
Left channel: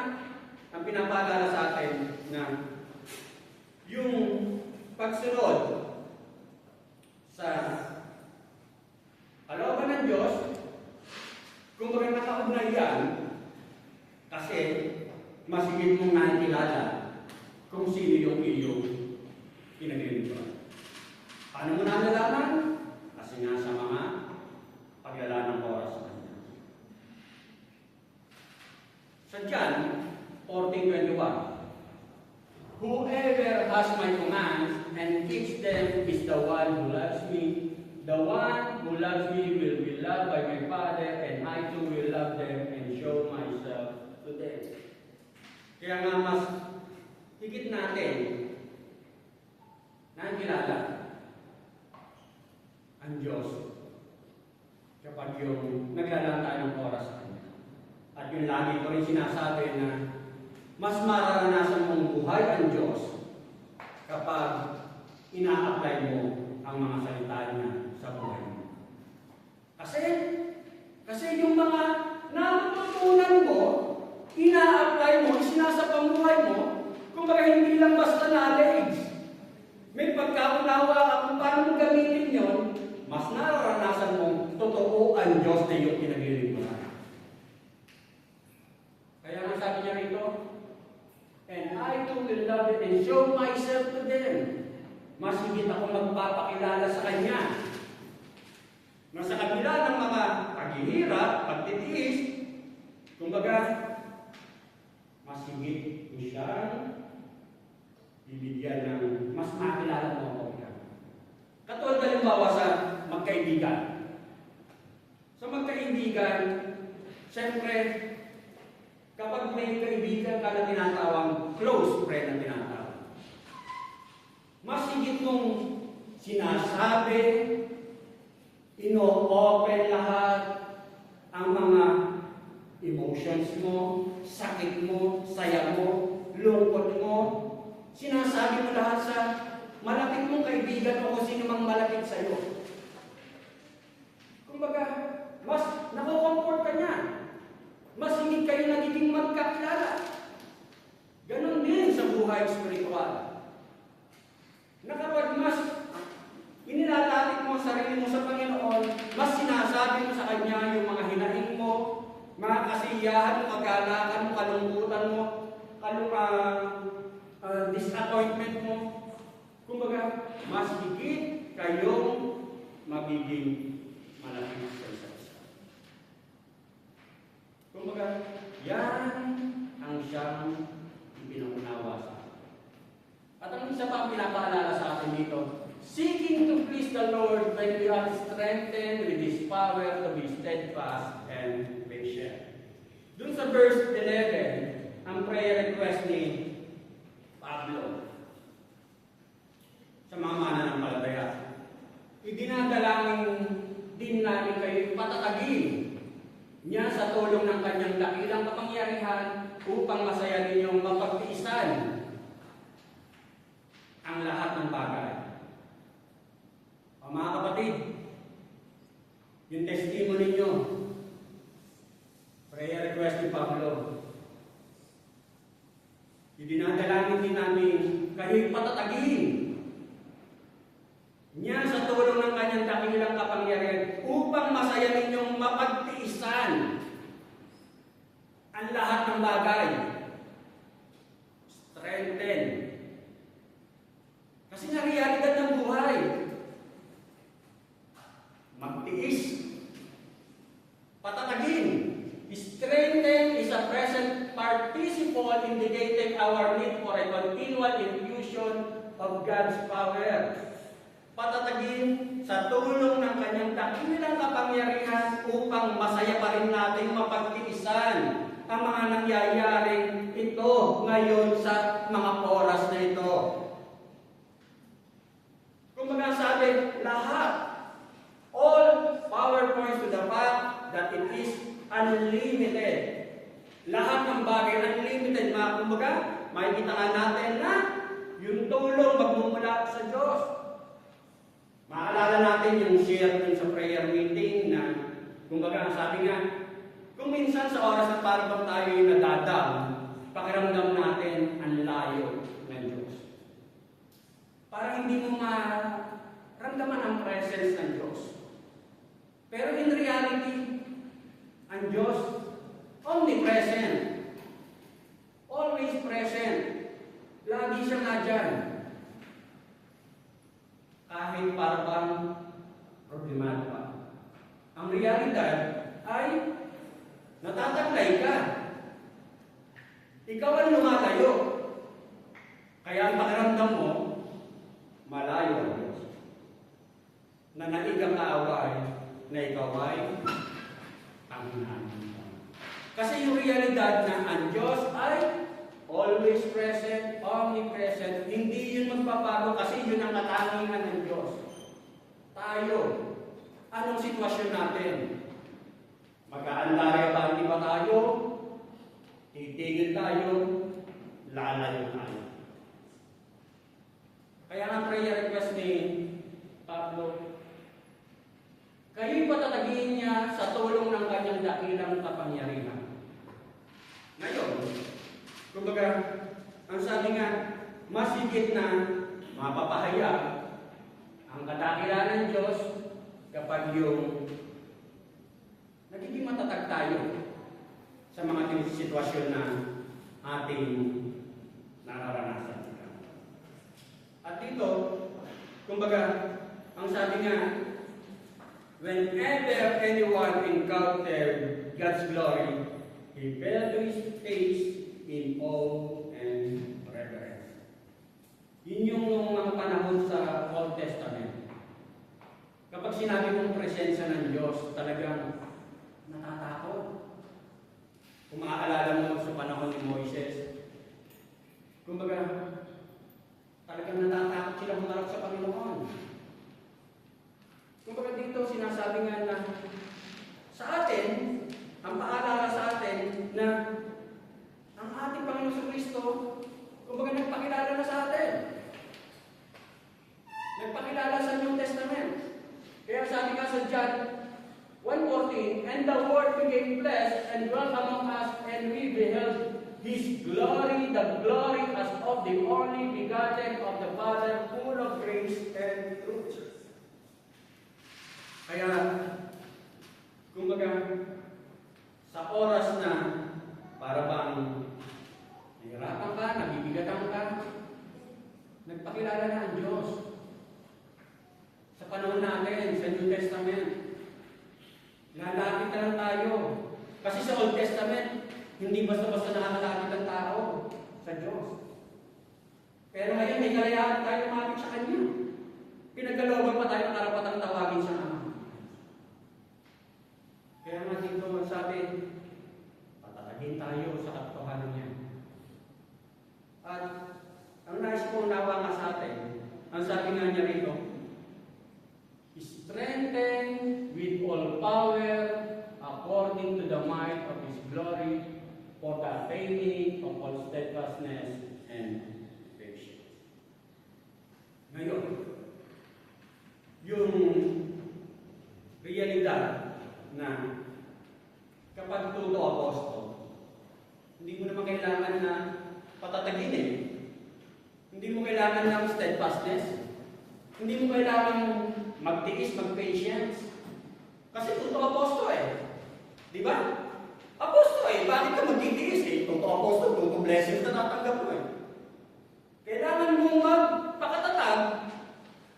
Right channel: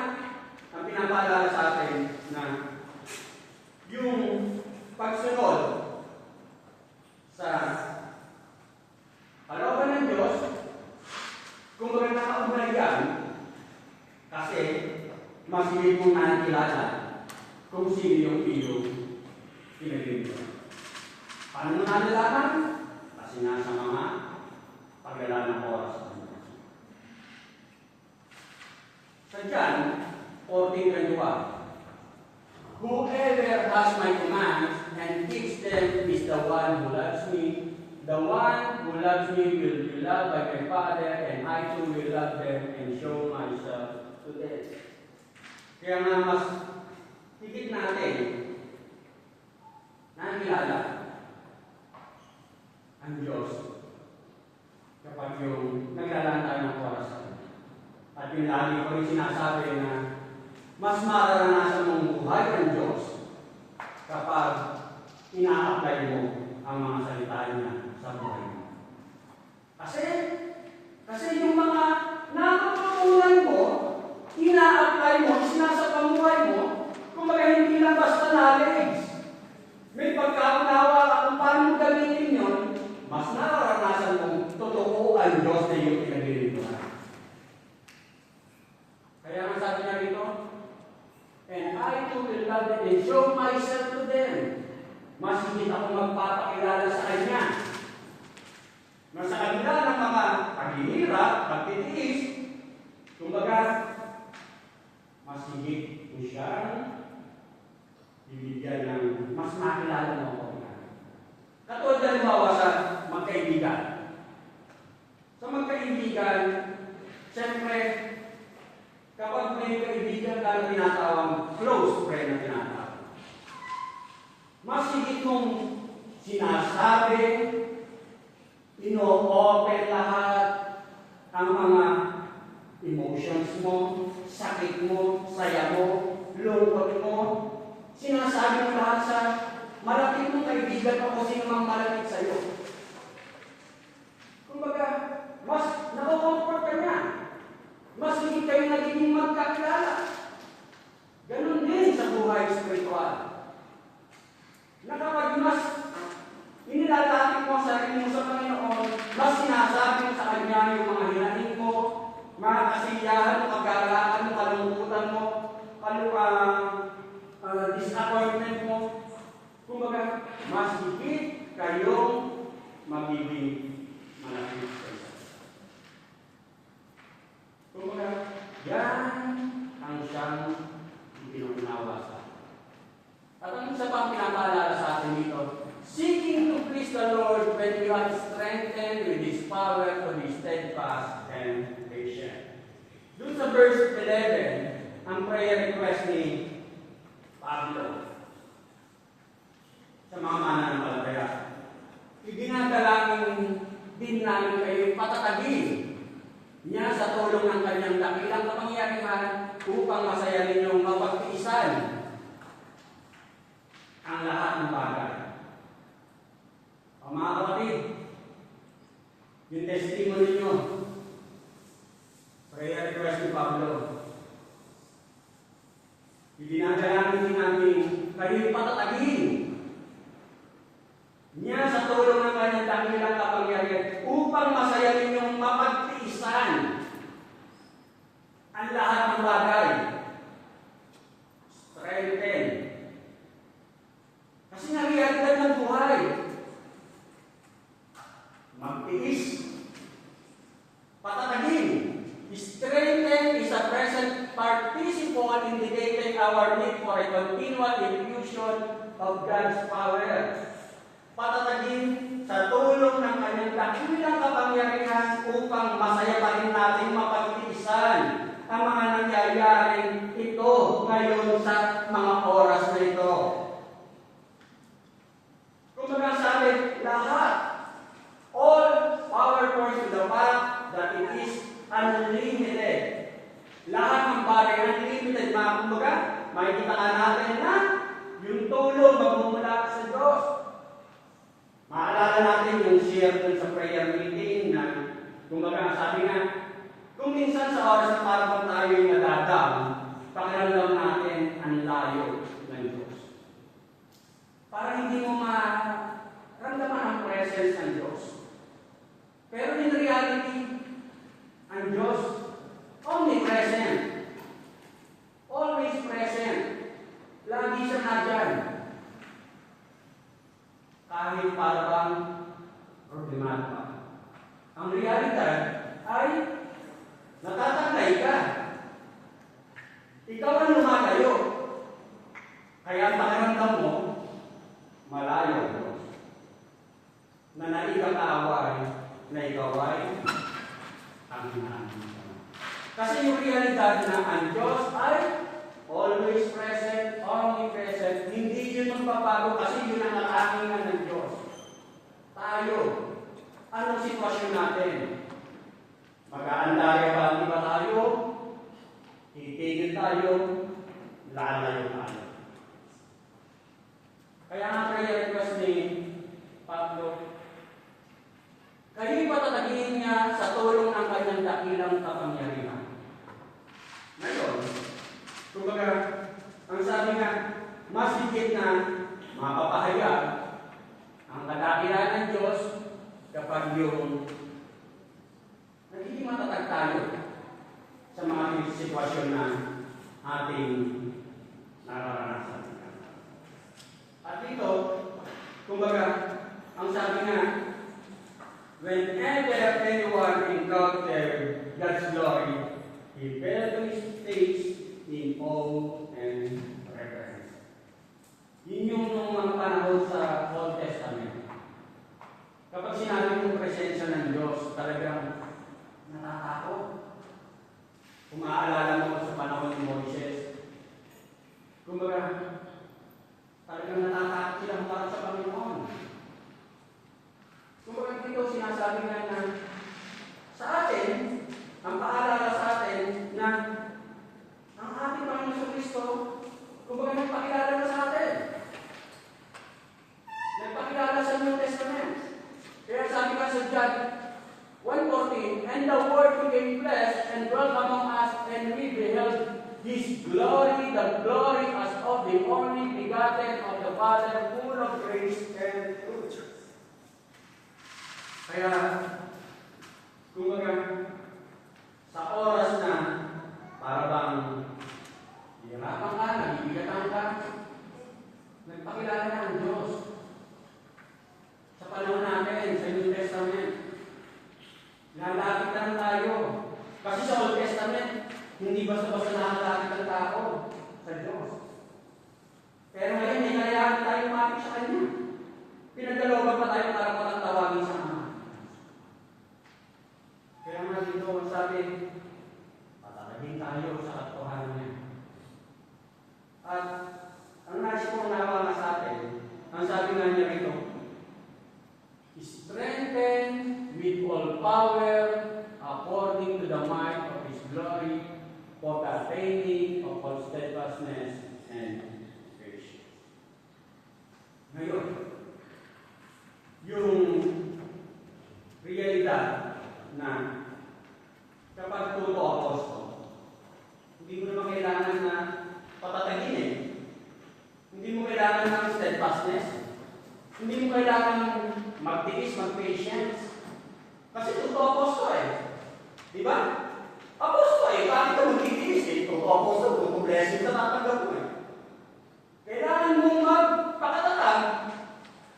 ang pinapaalala sa atin na yung pagsunod sa kalooban ng Diyos, kumbaga nakaugnay yan kasi mas higit mong nakikilala kung sino yung iyong pinaglilingkuran. Paano mo nalalaman? Kasi nga sa mga paglalaan ng oras. Sa John 14:21, whoever has my commands and keeps them is the one who loves me. The one who loves me will be loved by my Father, and I too will love them and show myself to them. Kaya nga mas higit natin nakilala ang Diyos kapag yung naglalaan tayo ng oras. At yung lagi ko rin sinasabi na mas mararanasan mong buhay ang Diyos kapag ina-apply mo ang mga salita niya sa buhay mo. Kasi yung mga natutunan mo, ina-apply mo, sinasapamuhay mo, kumbaga hindi lang basta knowledge. May pagkaunawa ka kung paano mo gamitin yun, mas nararanasan mong totoo ang Diyos na iyong pinaglilingkuran. Kaya ang sabi niya rito, and I too will love them and show myself to them. Mas higit ako magpapakilala sa Kanya. Na sa kabila ng mga paghihirap, pagtitiis, kumbaga, mas higit mo siyang bibigyan ng mas nakilala mo ako. Katulad halimbawa sa magkaibigan. Sa magkaibigan, siyempre, kapag may kaibigan ka na tinatawang close friend na tinatawag, mas higit mong sinasabi, ino-open lahat ang mga emotions mo, sakit mo, saya mo, lungkot mo. Sinasabi mo lahat sa malapit mong kaibigan o kung sino mang malapit sa iyo. Kumbaga, mas nakukomfort ka niya. Mas hindi kayo nagiging magkakilala. Ganon din sa buhay spiritual. Na kapag mas inilalapit mo sa sarili mo sa Panginoon, mas sinasabi mo sa Kanya yung mga hinaing mo, mga kasiyahan mo, kagalaan mo, kalungkutan mo, disappointment mo. Kumbaga, mas higit kayong magiging malapit sa isa't isa. Kumbaga, yan ang siyang binuunawa sa atin. At ang isa pang pinapaalala sa atin dito, seeking to please the Lord when we are strengthened with His power to be steadfast and patient. Doon sa verse 11, ang prayer request ni Pablo sa mga mananampalataya. Idinadalangin din namin kayo patatagin niya sa tulong ng kanyang dakilang kapangyarihan upang masaya ninyong mapagtiisan ang lahat ng bagay. Ang mga kapatid, yung testimony nyo, prayer request ni Pablo, idinadalangin din namin kayo'y patatagin niya sa tulong ng kanyang dakilang kapangyarihan upang masaya ninyong mapagtiisan ang lahat ng bagay. Strengthen. Kasi nga realidad ng buhay. Magtiis. Patatagin. Strengthen is a present participle indicating our need for a continual infusion of God's power. Patatagin sa tulong ng kanyang dakilang kapangyarihan upang masaya pa rin natin mapagtiisan ang mga nangyayaring ito ngayon sa mga oras na ito. Kung sabi, lahat, all power points to the fact that it is unlimited. Lahat ng bagay unlimited. Kumbaga, makikita nga natin na yung tulong magmumula sa Diyos. Maalala natin yung share dun sa prayer meeting na, kumbaga, sabi nga, kung minsan sa oras na parang tayo'y nadadam, pakiramdam natin ang layo ng Diyos. Parang hindi mo maramdaman ang presence ng Diyos. Pero in reality, ang Diyos, omnipresent. Always present. Lagi siya nadyan. Kahit parang problemado pa. Ang realidad ay natataglay ka. Ikaw ang lumalayo. Kaya ang pakiramdam mo, malayo ang Diyos. Na naigang kaaway, na ikaw ay ang hinahanap. Kasi yung realidad na ang Diyos ay always present, omnipresent, hindi yun magbabago kasi yun ang katangian ng Diyos. Tayo, anong sitwasyon natin? Mag-aandaya ba? Di ba tayo? Titigil tayo, lalayo tayo. Kaya ang prayer request ni Pablo, kayo'y patatagin niya sa tulong ng kanyang dakilang kapangyarihan. Ngayon, kumbaga, ang sabi nga, mas higit na mapapahayag ang kadakilaan ng Diyos kapag yung nagiging matatag tayo sa mga sitwasyon na ating nararanasan. At dito, kumbaga, ang sabi nga, whenever anyone encountered God's glory, he fell to his face in awe and reverence. Yun yung mga panahon sa Old Testament. Kapag sinabi ng presensya ng Diyos, talagang natatakot. Kung maaalala mo sa panahon ni Moises, kumbaga, talagang natatakot sila humarap sa Panginoon. Kumbaga dito sinasabi nga na sa atin, ang paalala sa atin na ang ating Panginoon Kristo, kumbaga nagpakilala na sa atin. Nagpakilala sa New Testament. Kaya sabi nga sa John 1:14, and the Word became flesh and dwelt among us, and we beheld His glory, the glory as of the only begotten of the Father, full of grace and truth. Kaya, kumbaga, sa oras na para bang hirapan ka, nabibigatan ka, nagpakilala na ang Diyos. Hindi mo kailangan magtiis, mag-patience. Kasi totoo aposto eh. Di ba? Aposto eh. Bakit ka magtitiis eh? Totoo aposto, totoo blessing na natanggap mo eh. Kailangan mo magpakatatag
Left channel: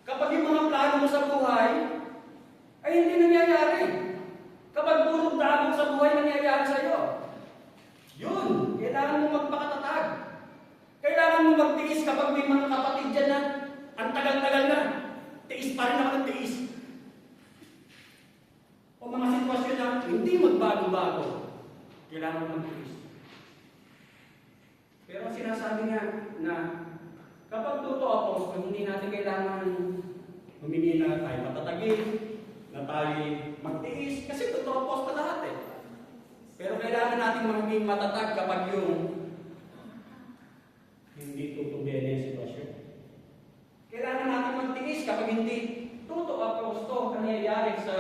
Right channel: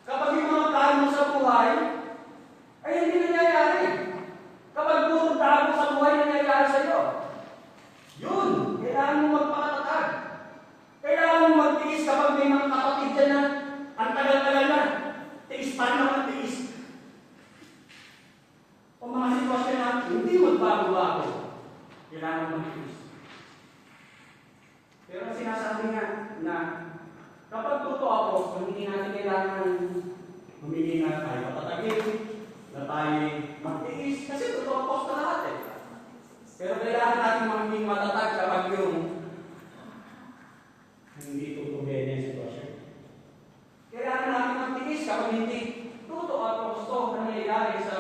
kapag yung mga plano mo sa buhay ay hindi nangyayari. Kapag puro dami sa buhay nangyayari sa iyo. Yun, kailangan mo magpakatatag. Kailangan mo magtiis kapag may mga kapatid dyan na ang tagal-tagal na. Tiis pa rin naman tiis. O mga sitwasyon na hindi magbago-bago. Kailangan mo magtiis. Pero sinasabi niya na kapag totoo ako, hindi natin kailangan humingi na tayo patatagin, na tayo magtiis, kasi totoo ako sa lahat eh. Pero kailangan natin maging matatag kapag yung hindi tutuloy na yung sitwasyon. Kailangan natin magtiis kapag hindi totoo ako nangyayari sa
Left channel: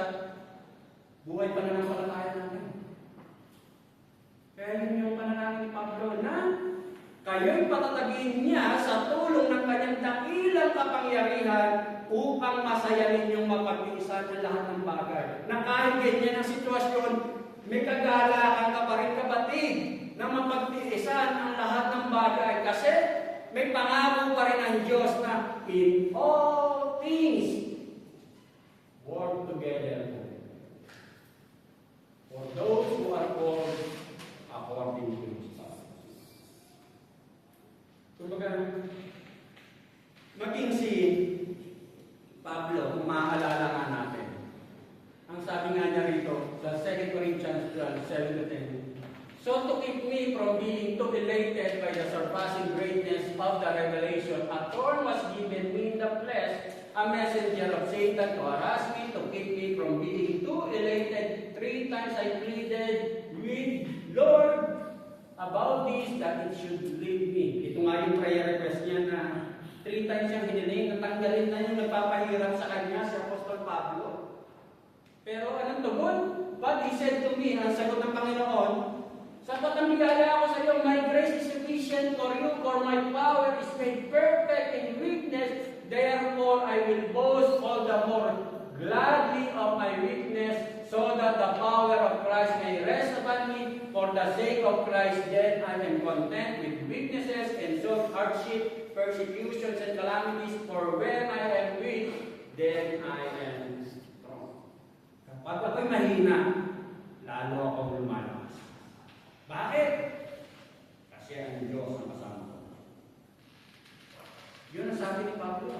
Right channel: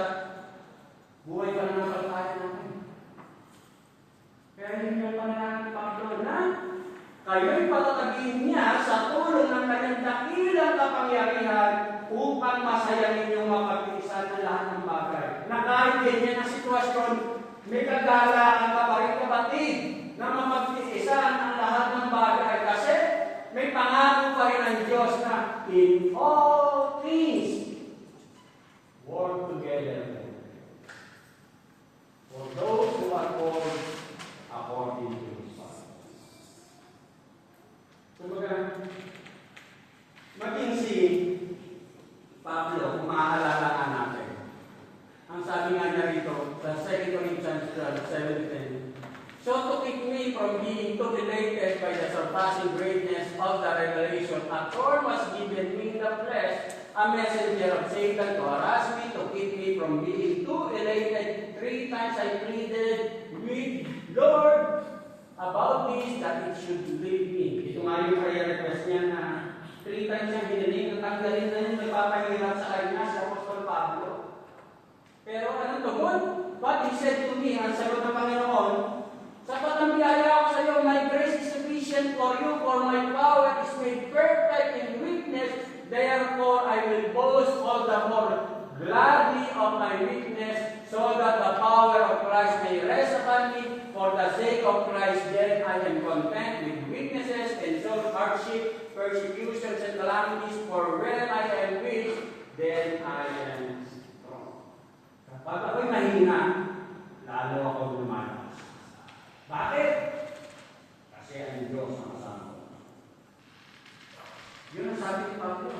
buhay pananampalataya natin. Kaya yun yung pananalig ni Pablo na kayo'y patatagin niya sa tulong ng kanyang dakilang kapangyarihan upang masaya ninyong mapagtiisan ang lahat ng bagay. Na kahit ganyan ang sitwasyon, may kagalaan ka pa rin kapatid na mapagtiisan ang lahat ng bagay kasi may pangako pa rin ang Diyos na in all things work together for those who are called according to His Son. Kumbaga, maging si Pablo, kung maaalala nga natin, ang sabi nga niya rito, sa 2 Corinthians 12:7-10, so to keep me from being too elated by the surpassing greatness of the revelation, a thorn was given me in the flesh, a messenger of Satan to harass me, to keep me from being too elated. 3 times I pleaded with Lord about this, that it should leave me. Ito nga yung prayer request niya na 3 times siyang hiniling, natanggalin na yung nagpapahirap sa kanya, si Apostol Pablo. Pero anong tugon? But he said to me, ang sagot ng Panginoon, sapat na biyaya ako sa iyo, my grace is sufficient for you, for my power is made perfect in weakness. Therefore, I will boast all the more gladly of my weakness, so that the power of Christ may rest upon me. For the sake of Christ, then I am content with weaknesses and so hardship, persecutions, and calamities. For when I am weak, then I am strong. Kapag ako'y mahina, lalo ako lumalas. Bakit? Kasi ang Diyos ang kasama ko. Yun ang sabi ni Pablo.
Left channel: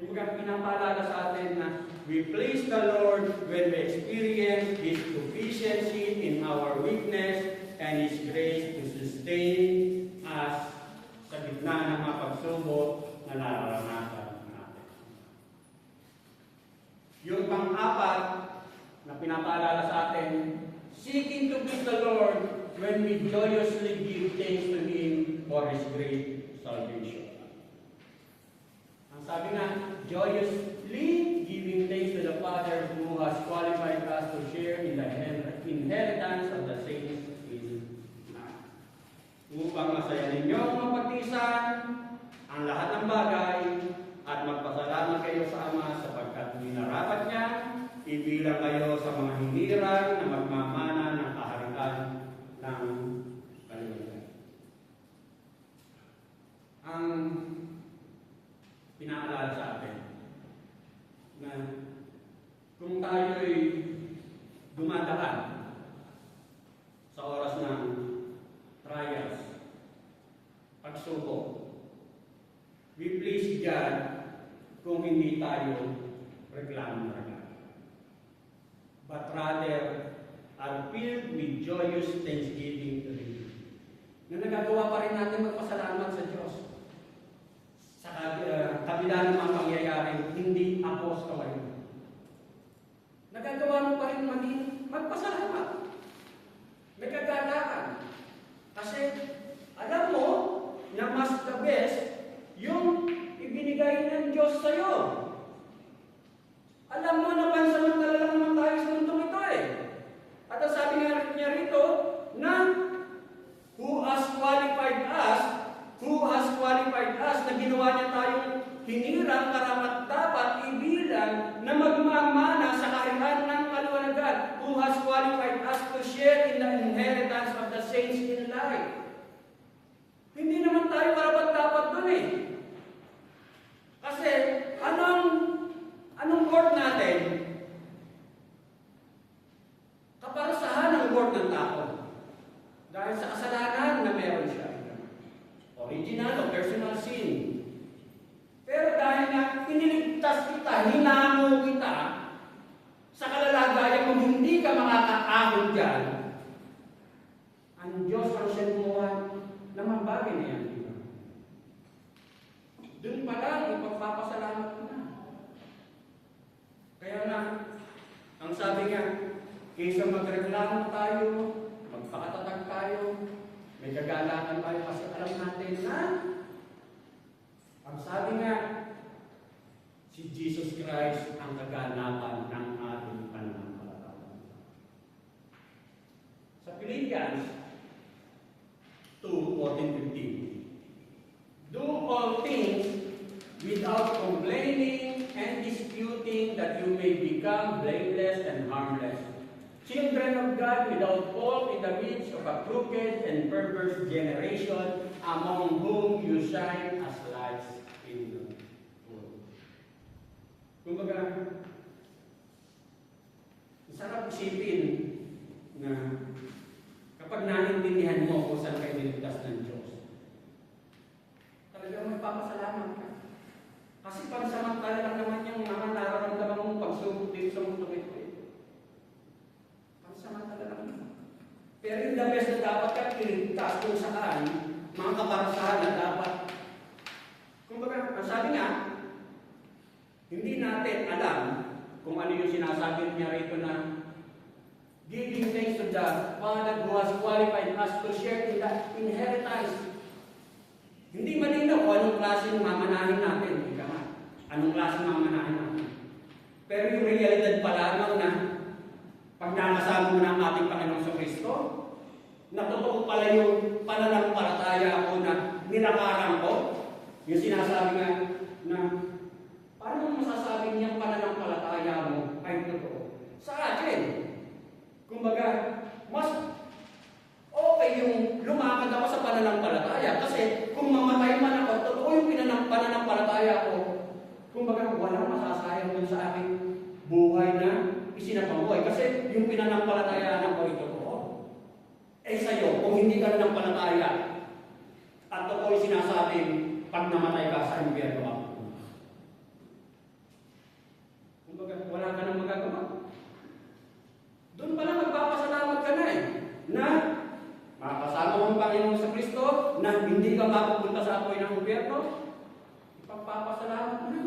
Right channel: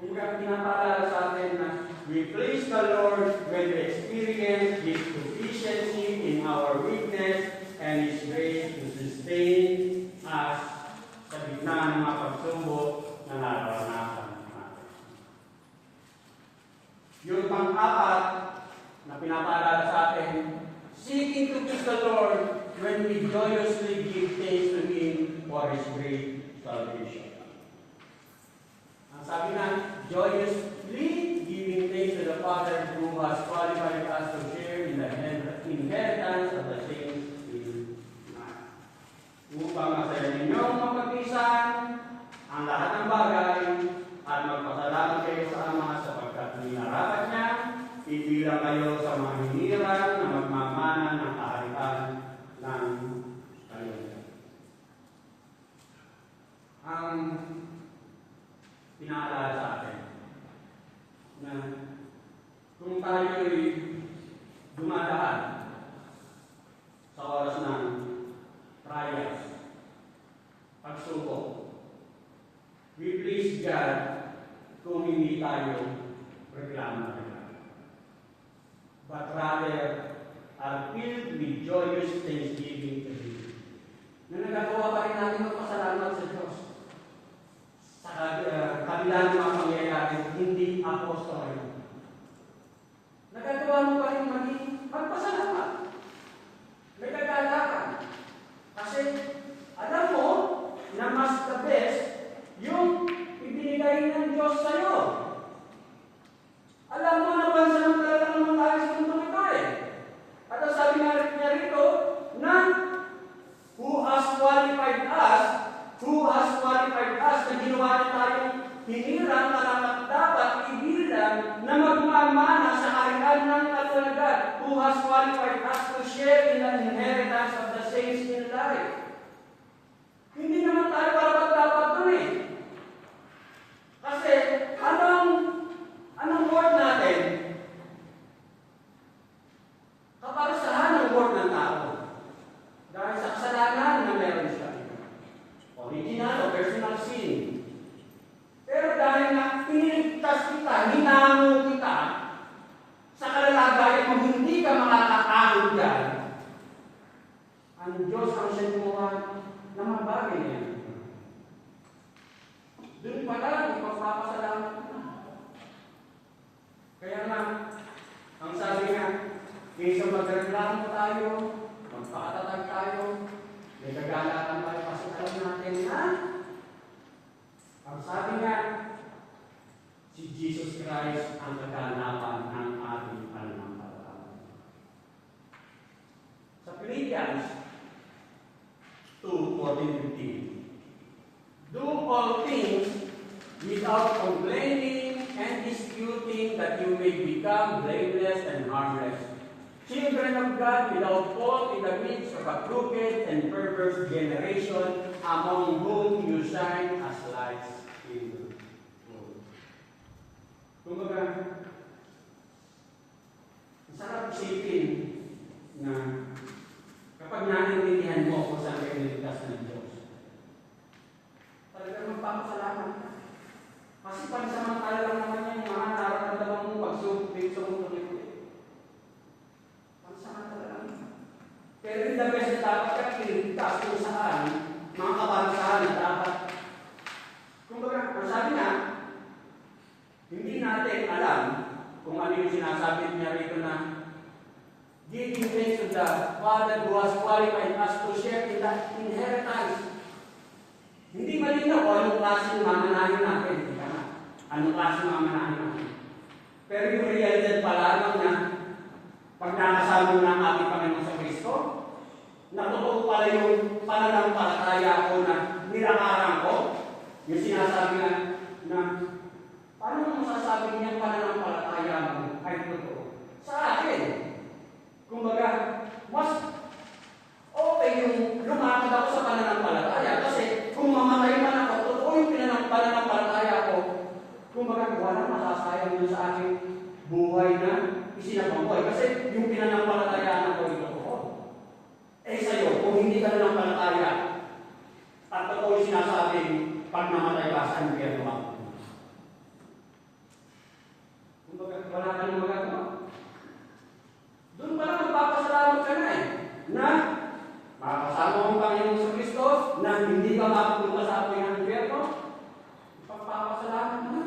Kung pinapaalala sa atin na we please the Lord when we experience His sufficiency in our weakness and His grace to sustain us sa gitna ng mga pagsubok na nararanasan natin. Yung pang-apat na pinapaalala sa atin, seeking to please the Lord when we joyously give thanks to Him for His great salvation. Ang sabi na, joyously giving thanks to the Father who has qualified us to share in the inheritance of the saints in God. Upang masaya ninyong mapagtiisan ang lahat ng bagay at magpasalamat kayo sa Ama sapagkat minarapat niya, ibilang kayo sa mga hiniran na magmamana ng kaharian ng kalimutan. Ang pinaalala sa atin na kung tayo'y dumadaan sa oras ng trials, pagsubok, we please God kung hindi tayo reklamo. But rather are filled with joyous thanksgiving to Him. Na nagagawa pa rin natin magpasalamat sa Diyos. Sa kabila ng mga pangyayari, hindi apostol. Nagagawa mo pa rin magpasalamat. Nagagalakan. Kasi alam mo na mas the best yung ibinigay ng Diyos sa iyo. Alam mo na pansamantala lang naman tayo sa mundong ito eh. At ang sabi nga niya rito, na who has qualified us, na ginawa niya tayong hinirang, has qualified us to share in the inheritance of the saints in light. Hindi naman tayo karapat-dapat dun eh. Kasi, anong worth natin? Kaparusahan ang worth ng tao. Dahil sa kasalanan na meron siya. Original o personal sin. Pero dahil na iniligtas kita, hinamo kita, sa kalalagayan mo hindi ka makakaahon dyan, ang Diyos ang siya gumawa na magbagay niya. Doon pa lang, ipagpapasalamat na. Kaya na, ang sabi niya, kaysa magreklamo tayo, magpakatatag tayo, may kagalakan tayo kasi alam natin na, ang sabi niya, si Jesus Christ ang kaganapan ng ating pananampalataya. Sa Philippians 2:14-15, do all things without complaining and disputing, that you may become blameless and harmless, children of God without fault in the midst of a crooked and perverse generation, among whom you shine as lights in the world. Kumbaga, masarap isipin na kapag naintindihan mo kung saan kayo niligtas ng Diyos, talagang magpapasalamat ka. Kasi pansamantala lang naman yung mga nararamdaman mo pagsubok dito sa mundo nito. Pansamantala lang. Pero in the best na dapat ka kiligtas kung saan mga kaparusahan na dapat. Kumbaga, ang sabi niya, hindi natin alam kung ano yung sinasabi niya rito na giving thanks to the Father who has qualified us to share in the inheritance. Hindi malinaw kung anong klase ng mamanahin natin. Anong klase ng mamanahin natin. Pero yung realidad pala lang na pag nakasama mo ng ating Panginoon sa Kristo, na totoo pala yung pananampalataya ko na nilakaran ko, yung sinasabi nga na paano mo masasabi niya pananampalataya mo ay totoo? Sa akin, kumbaga, mas okay yung lumakad ako sa pananampalataya kasi kung mamatay man ako, totoo yung pananampalataya ko. Kumbaga, walang masasayang yun sa aking buhay na isinapabuhay kasi yung pinanampalatayaan ko ay totoo. Eh sa'yo, kung hindi ka nanampalataya at totoo yung sinasabing pag namatay ka sa impyerno ako. Kumbaga, wala ka nang magagawa. Doon pala magpapasalamat ka na eh. Na makakasama mo ang Panginoon sa Kristo, na hindi ka mapupunta sa apoy ng impyerno, pagpapasalamat na.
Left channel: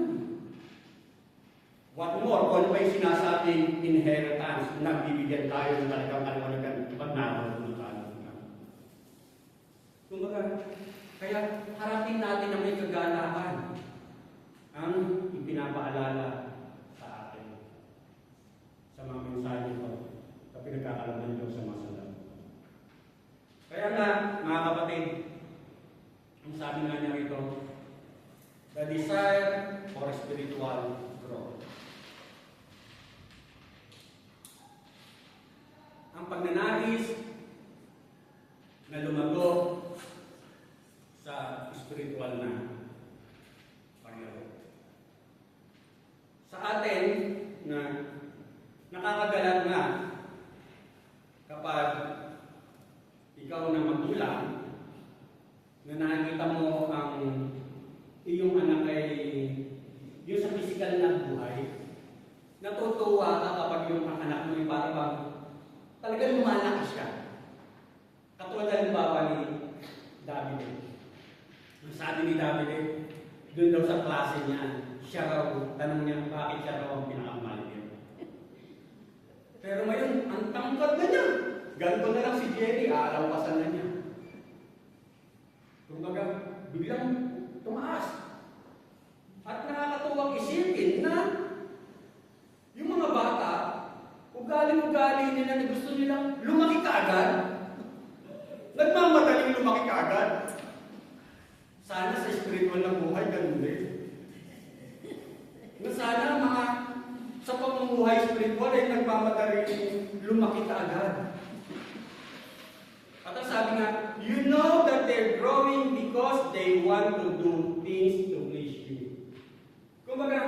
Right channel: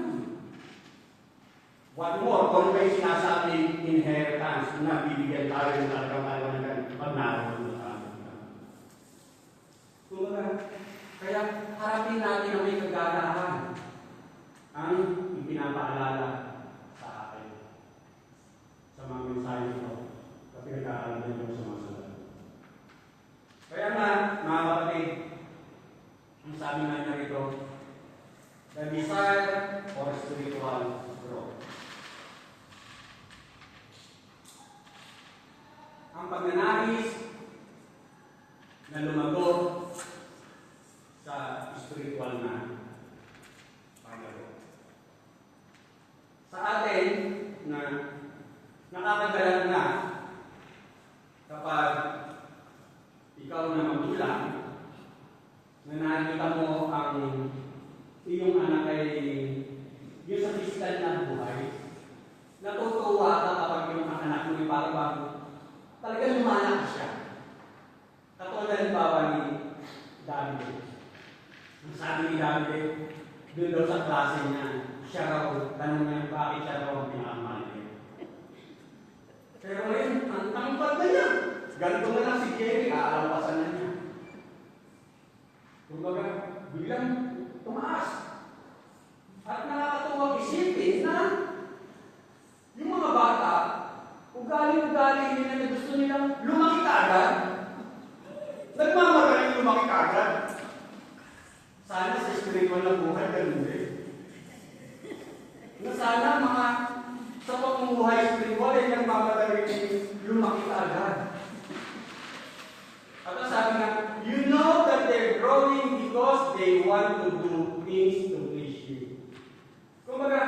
What more, kung may sinasabing inheritance na bibigyan tayo ng talagang paliwanagan pag naroon sa atin. Kumbaga, kaya harapin natin na may kagalakan ang ipinapaalala sa atin sa mga mensahe ko na pinag-aaral ng Diyos sa mga salamat. Kaya nga, mga kapatid, ang sabi nga niya rito, the desire for spiritual growth. Ang pagnanais na lumago sa spiritual na Panginoon. Sa atin, na nakakagalat nga kapag ikaw na magulang na nakikita mo ang iyong anak ay yung sa physical na buhay, natutuwa ka kapag yung anak mo ay parang talagang lumalakas siya. Katulad halimbawa ni David. Ang sabi ni David, doon daw sa klase niya, siya raw, tanong niya bakit siya raw ang pinakamaliit. Pero ngayon, ang tangkad na niya. Ganito na lang si Jerry, aalawasan na niya. Kumbaga, biglang tumaas. At nakakatuwag isipin na yung mga bata, ugali-ugali nila na gusto nilang lumaki kaagad. Nagmamagaling lumaki kaagad. Sana sa spiritual na buhay, ganun din. Na sana mga sa pamumuhay spiritual ay nagmamadali lumaki ka agad. At ang sabi nga, you know that they're growing because they want to do things to please you. Kumbaga,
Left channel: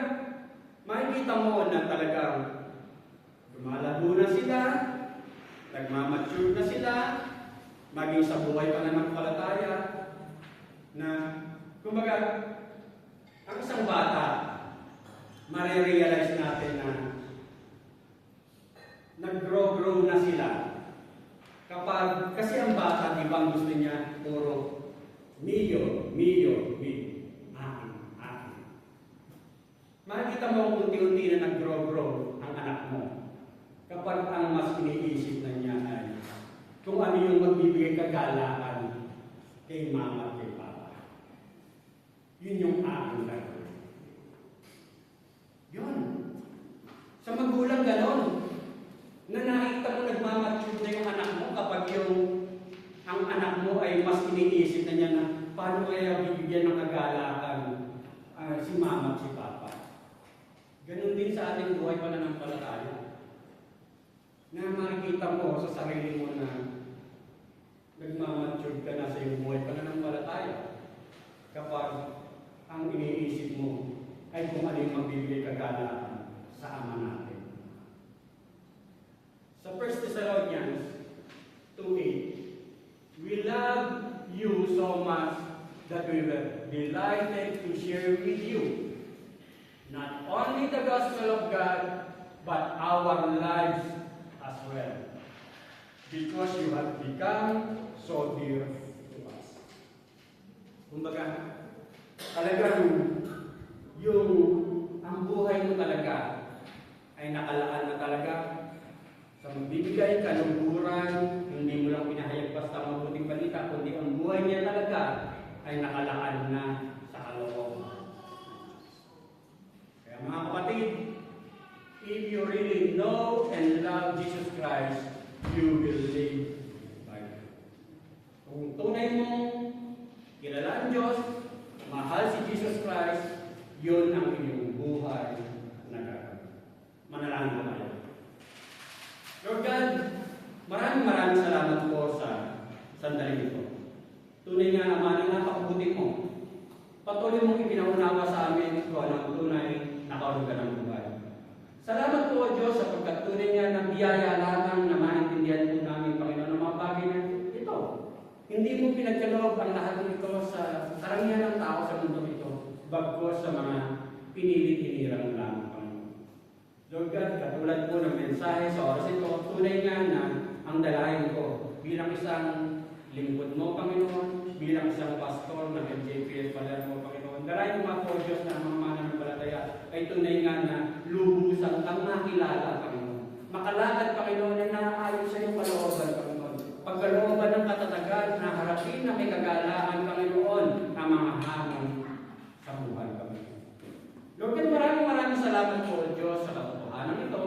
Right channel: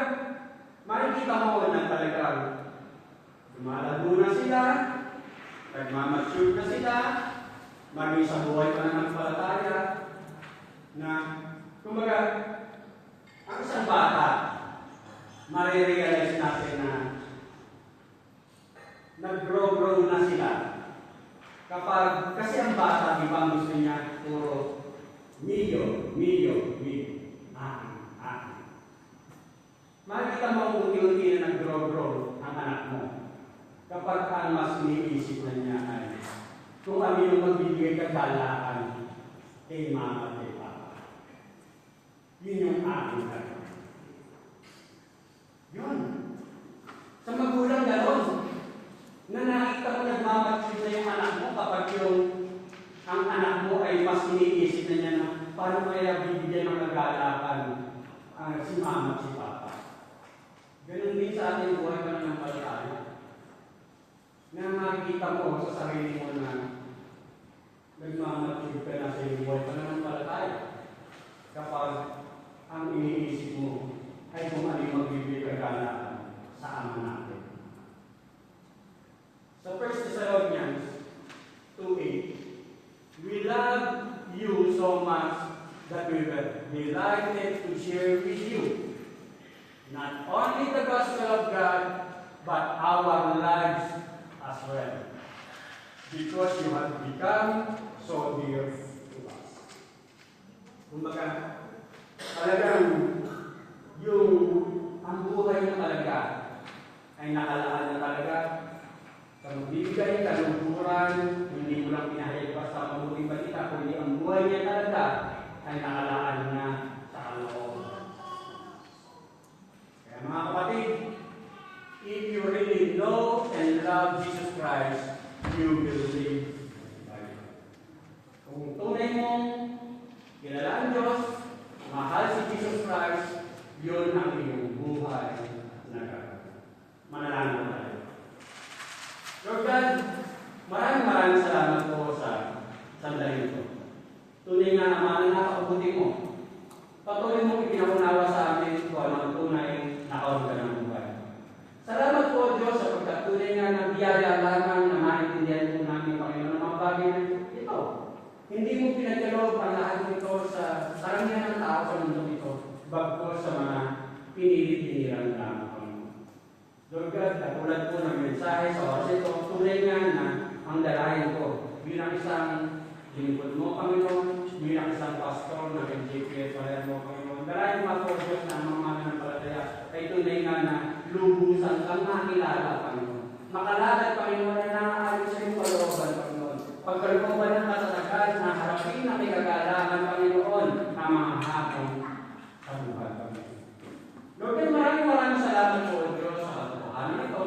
makikita mo na talagang lumalago na sila, nagmamature na sila, maging sa buhay pa ng palataya, na, kumbaga, ang isang bata, marirealize natin na nag-grow na sila. Kasi ang bata, di ba ang gusto niya, puro, milyo. Makikita mo unti-unti na nag-grow ang anak mo. Kapag ang mas iniisip na niya ay kung ano yung magbibigay kagalaan kay mama at kay papa. Yun yung aking gano'n. Yun. Sa magulang gano'n, na nakita mo nagmamature na yung anak mo kapag ang anak mo ay mas iniisip na niya na paano kaya bibigyan ng kagalaan si mama at si papa. Ganun din sa ating buhay pananampalataya. Na makikita mo sa sarili mo na nagmamature ka na sa iyong buhay pananampalataya. Kapag ang iniisip mo ay kung ano yung magbibigay kagalaan sa ama natin. Sa 1 Thessalonians 2:8, we love you so much that we were delighted to share with you not only the gospel of God, but our lives as well, because you have become so dear to us. Kumbaga, talagang ang buhay mo talaga ay nakalaan na talaga sa magbibigay, kaluhuran, hindi mo lang pinahayag basta mabuting balita, kundi ang buhay niya talaga ay nakalaan na sa kalooban. Kaya mga kapatid, if you really know and love Jesus Christ, you will live right. Kung tunay mong kilala ang Diyos, mahal si Jesus Christ, yun ang iyong buhay na gagawin. Manalangin tayo. Lord God, maraming salamat po sa sandali ito. Tunay nga naman, napakabuti mo. Patuloy mong ipinaunawa sa amin kung ano ang tunay na kaulugan ng buhay. Salamat po, Diyos, sa pagkatunay nga ng biyaya lamang na maintindihan po namin, Panginoon, ng mga bagay na ito. Hindi mo pinagkaloob ang lahat nito sa sarangyan ng tao sa mundo ito, bagkos sa mga pinili-pinirang lamang, Panginoon. Lord God, katulad po ng mensahe sa oras ito, tunay nga na ang dalahin ko bilang isang lingkod mo, Panginoon, bilang isang pastor na MJPS, Palayan mo, Panginoon. Dalahin mo po, Diyos, ng mga mananampalataya, ay tunay nga na lubusan kang nakilala, Panginoon. Makalagad, Panginoon, na nakaayon sa iyong kalooban, Panginoon. Pagkalooban ng katatagan na harapin na may kagalangan, Panginoon, ang mga hamon sa buhay, Panginoon. Lord, maraming salamat po, Diyos, sa katotohanan ito,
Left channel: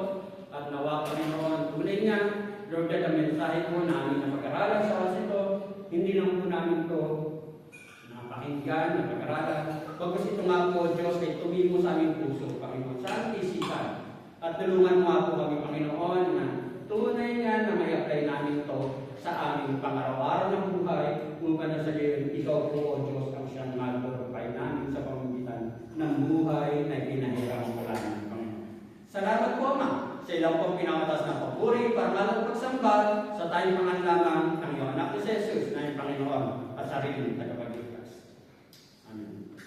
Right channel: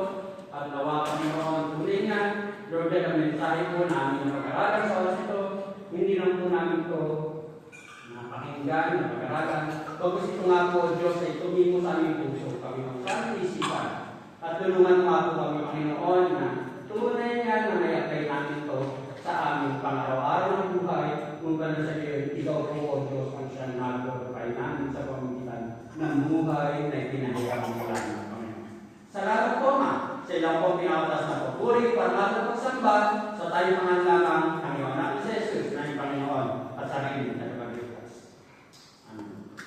at nawa, Panginoon, tunay niya, Lord, ang mensahe po namin na pag-aralan sa oras ito, hindi lang po namin ito napakinggan, na pag-aralan. Pagkos ito nga po, Diyos, ay tumimo sa aming puso, Panginoon, sa aming isipan. At tulungan mo po kami, Panginoon, na tunay nga na may apply namin ito sa aming pang-araw-araw ng buhay, upang na sabihin, ikaw po, O Diyos, ang siyang nag-glorify namin sa pamamagitan ng buhay na pinahirap mo lang ng Panginoon. Salamat po, Ma, sa ilang pong pinakatas na papuri, para matapos sa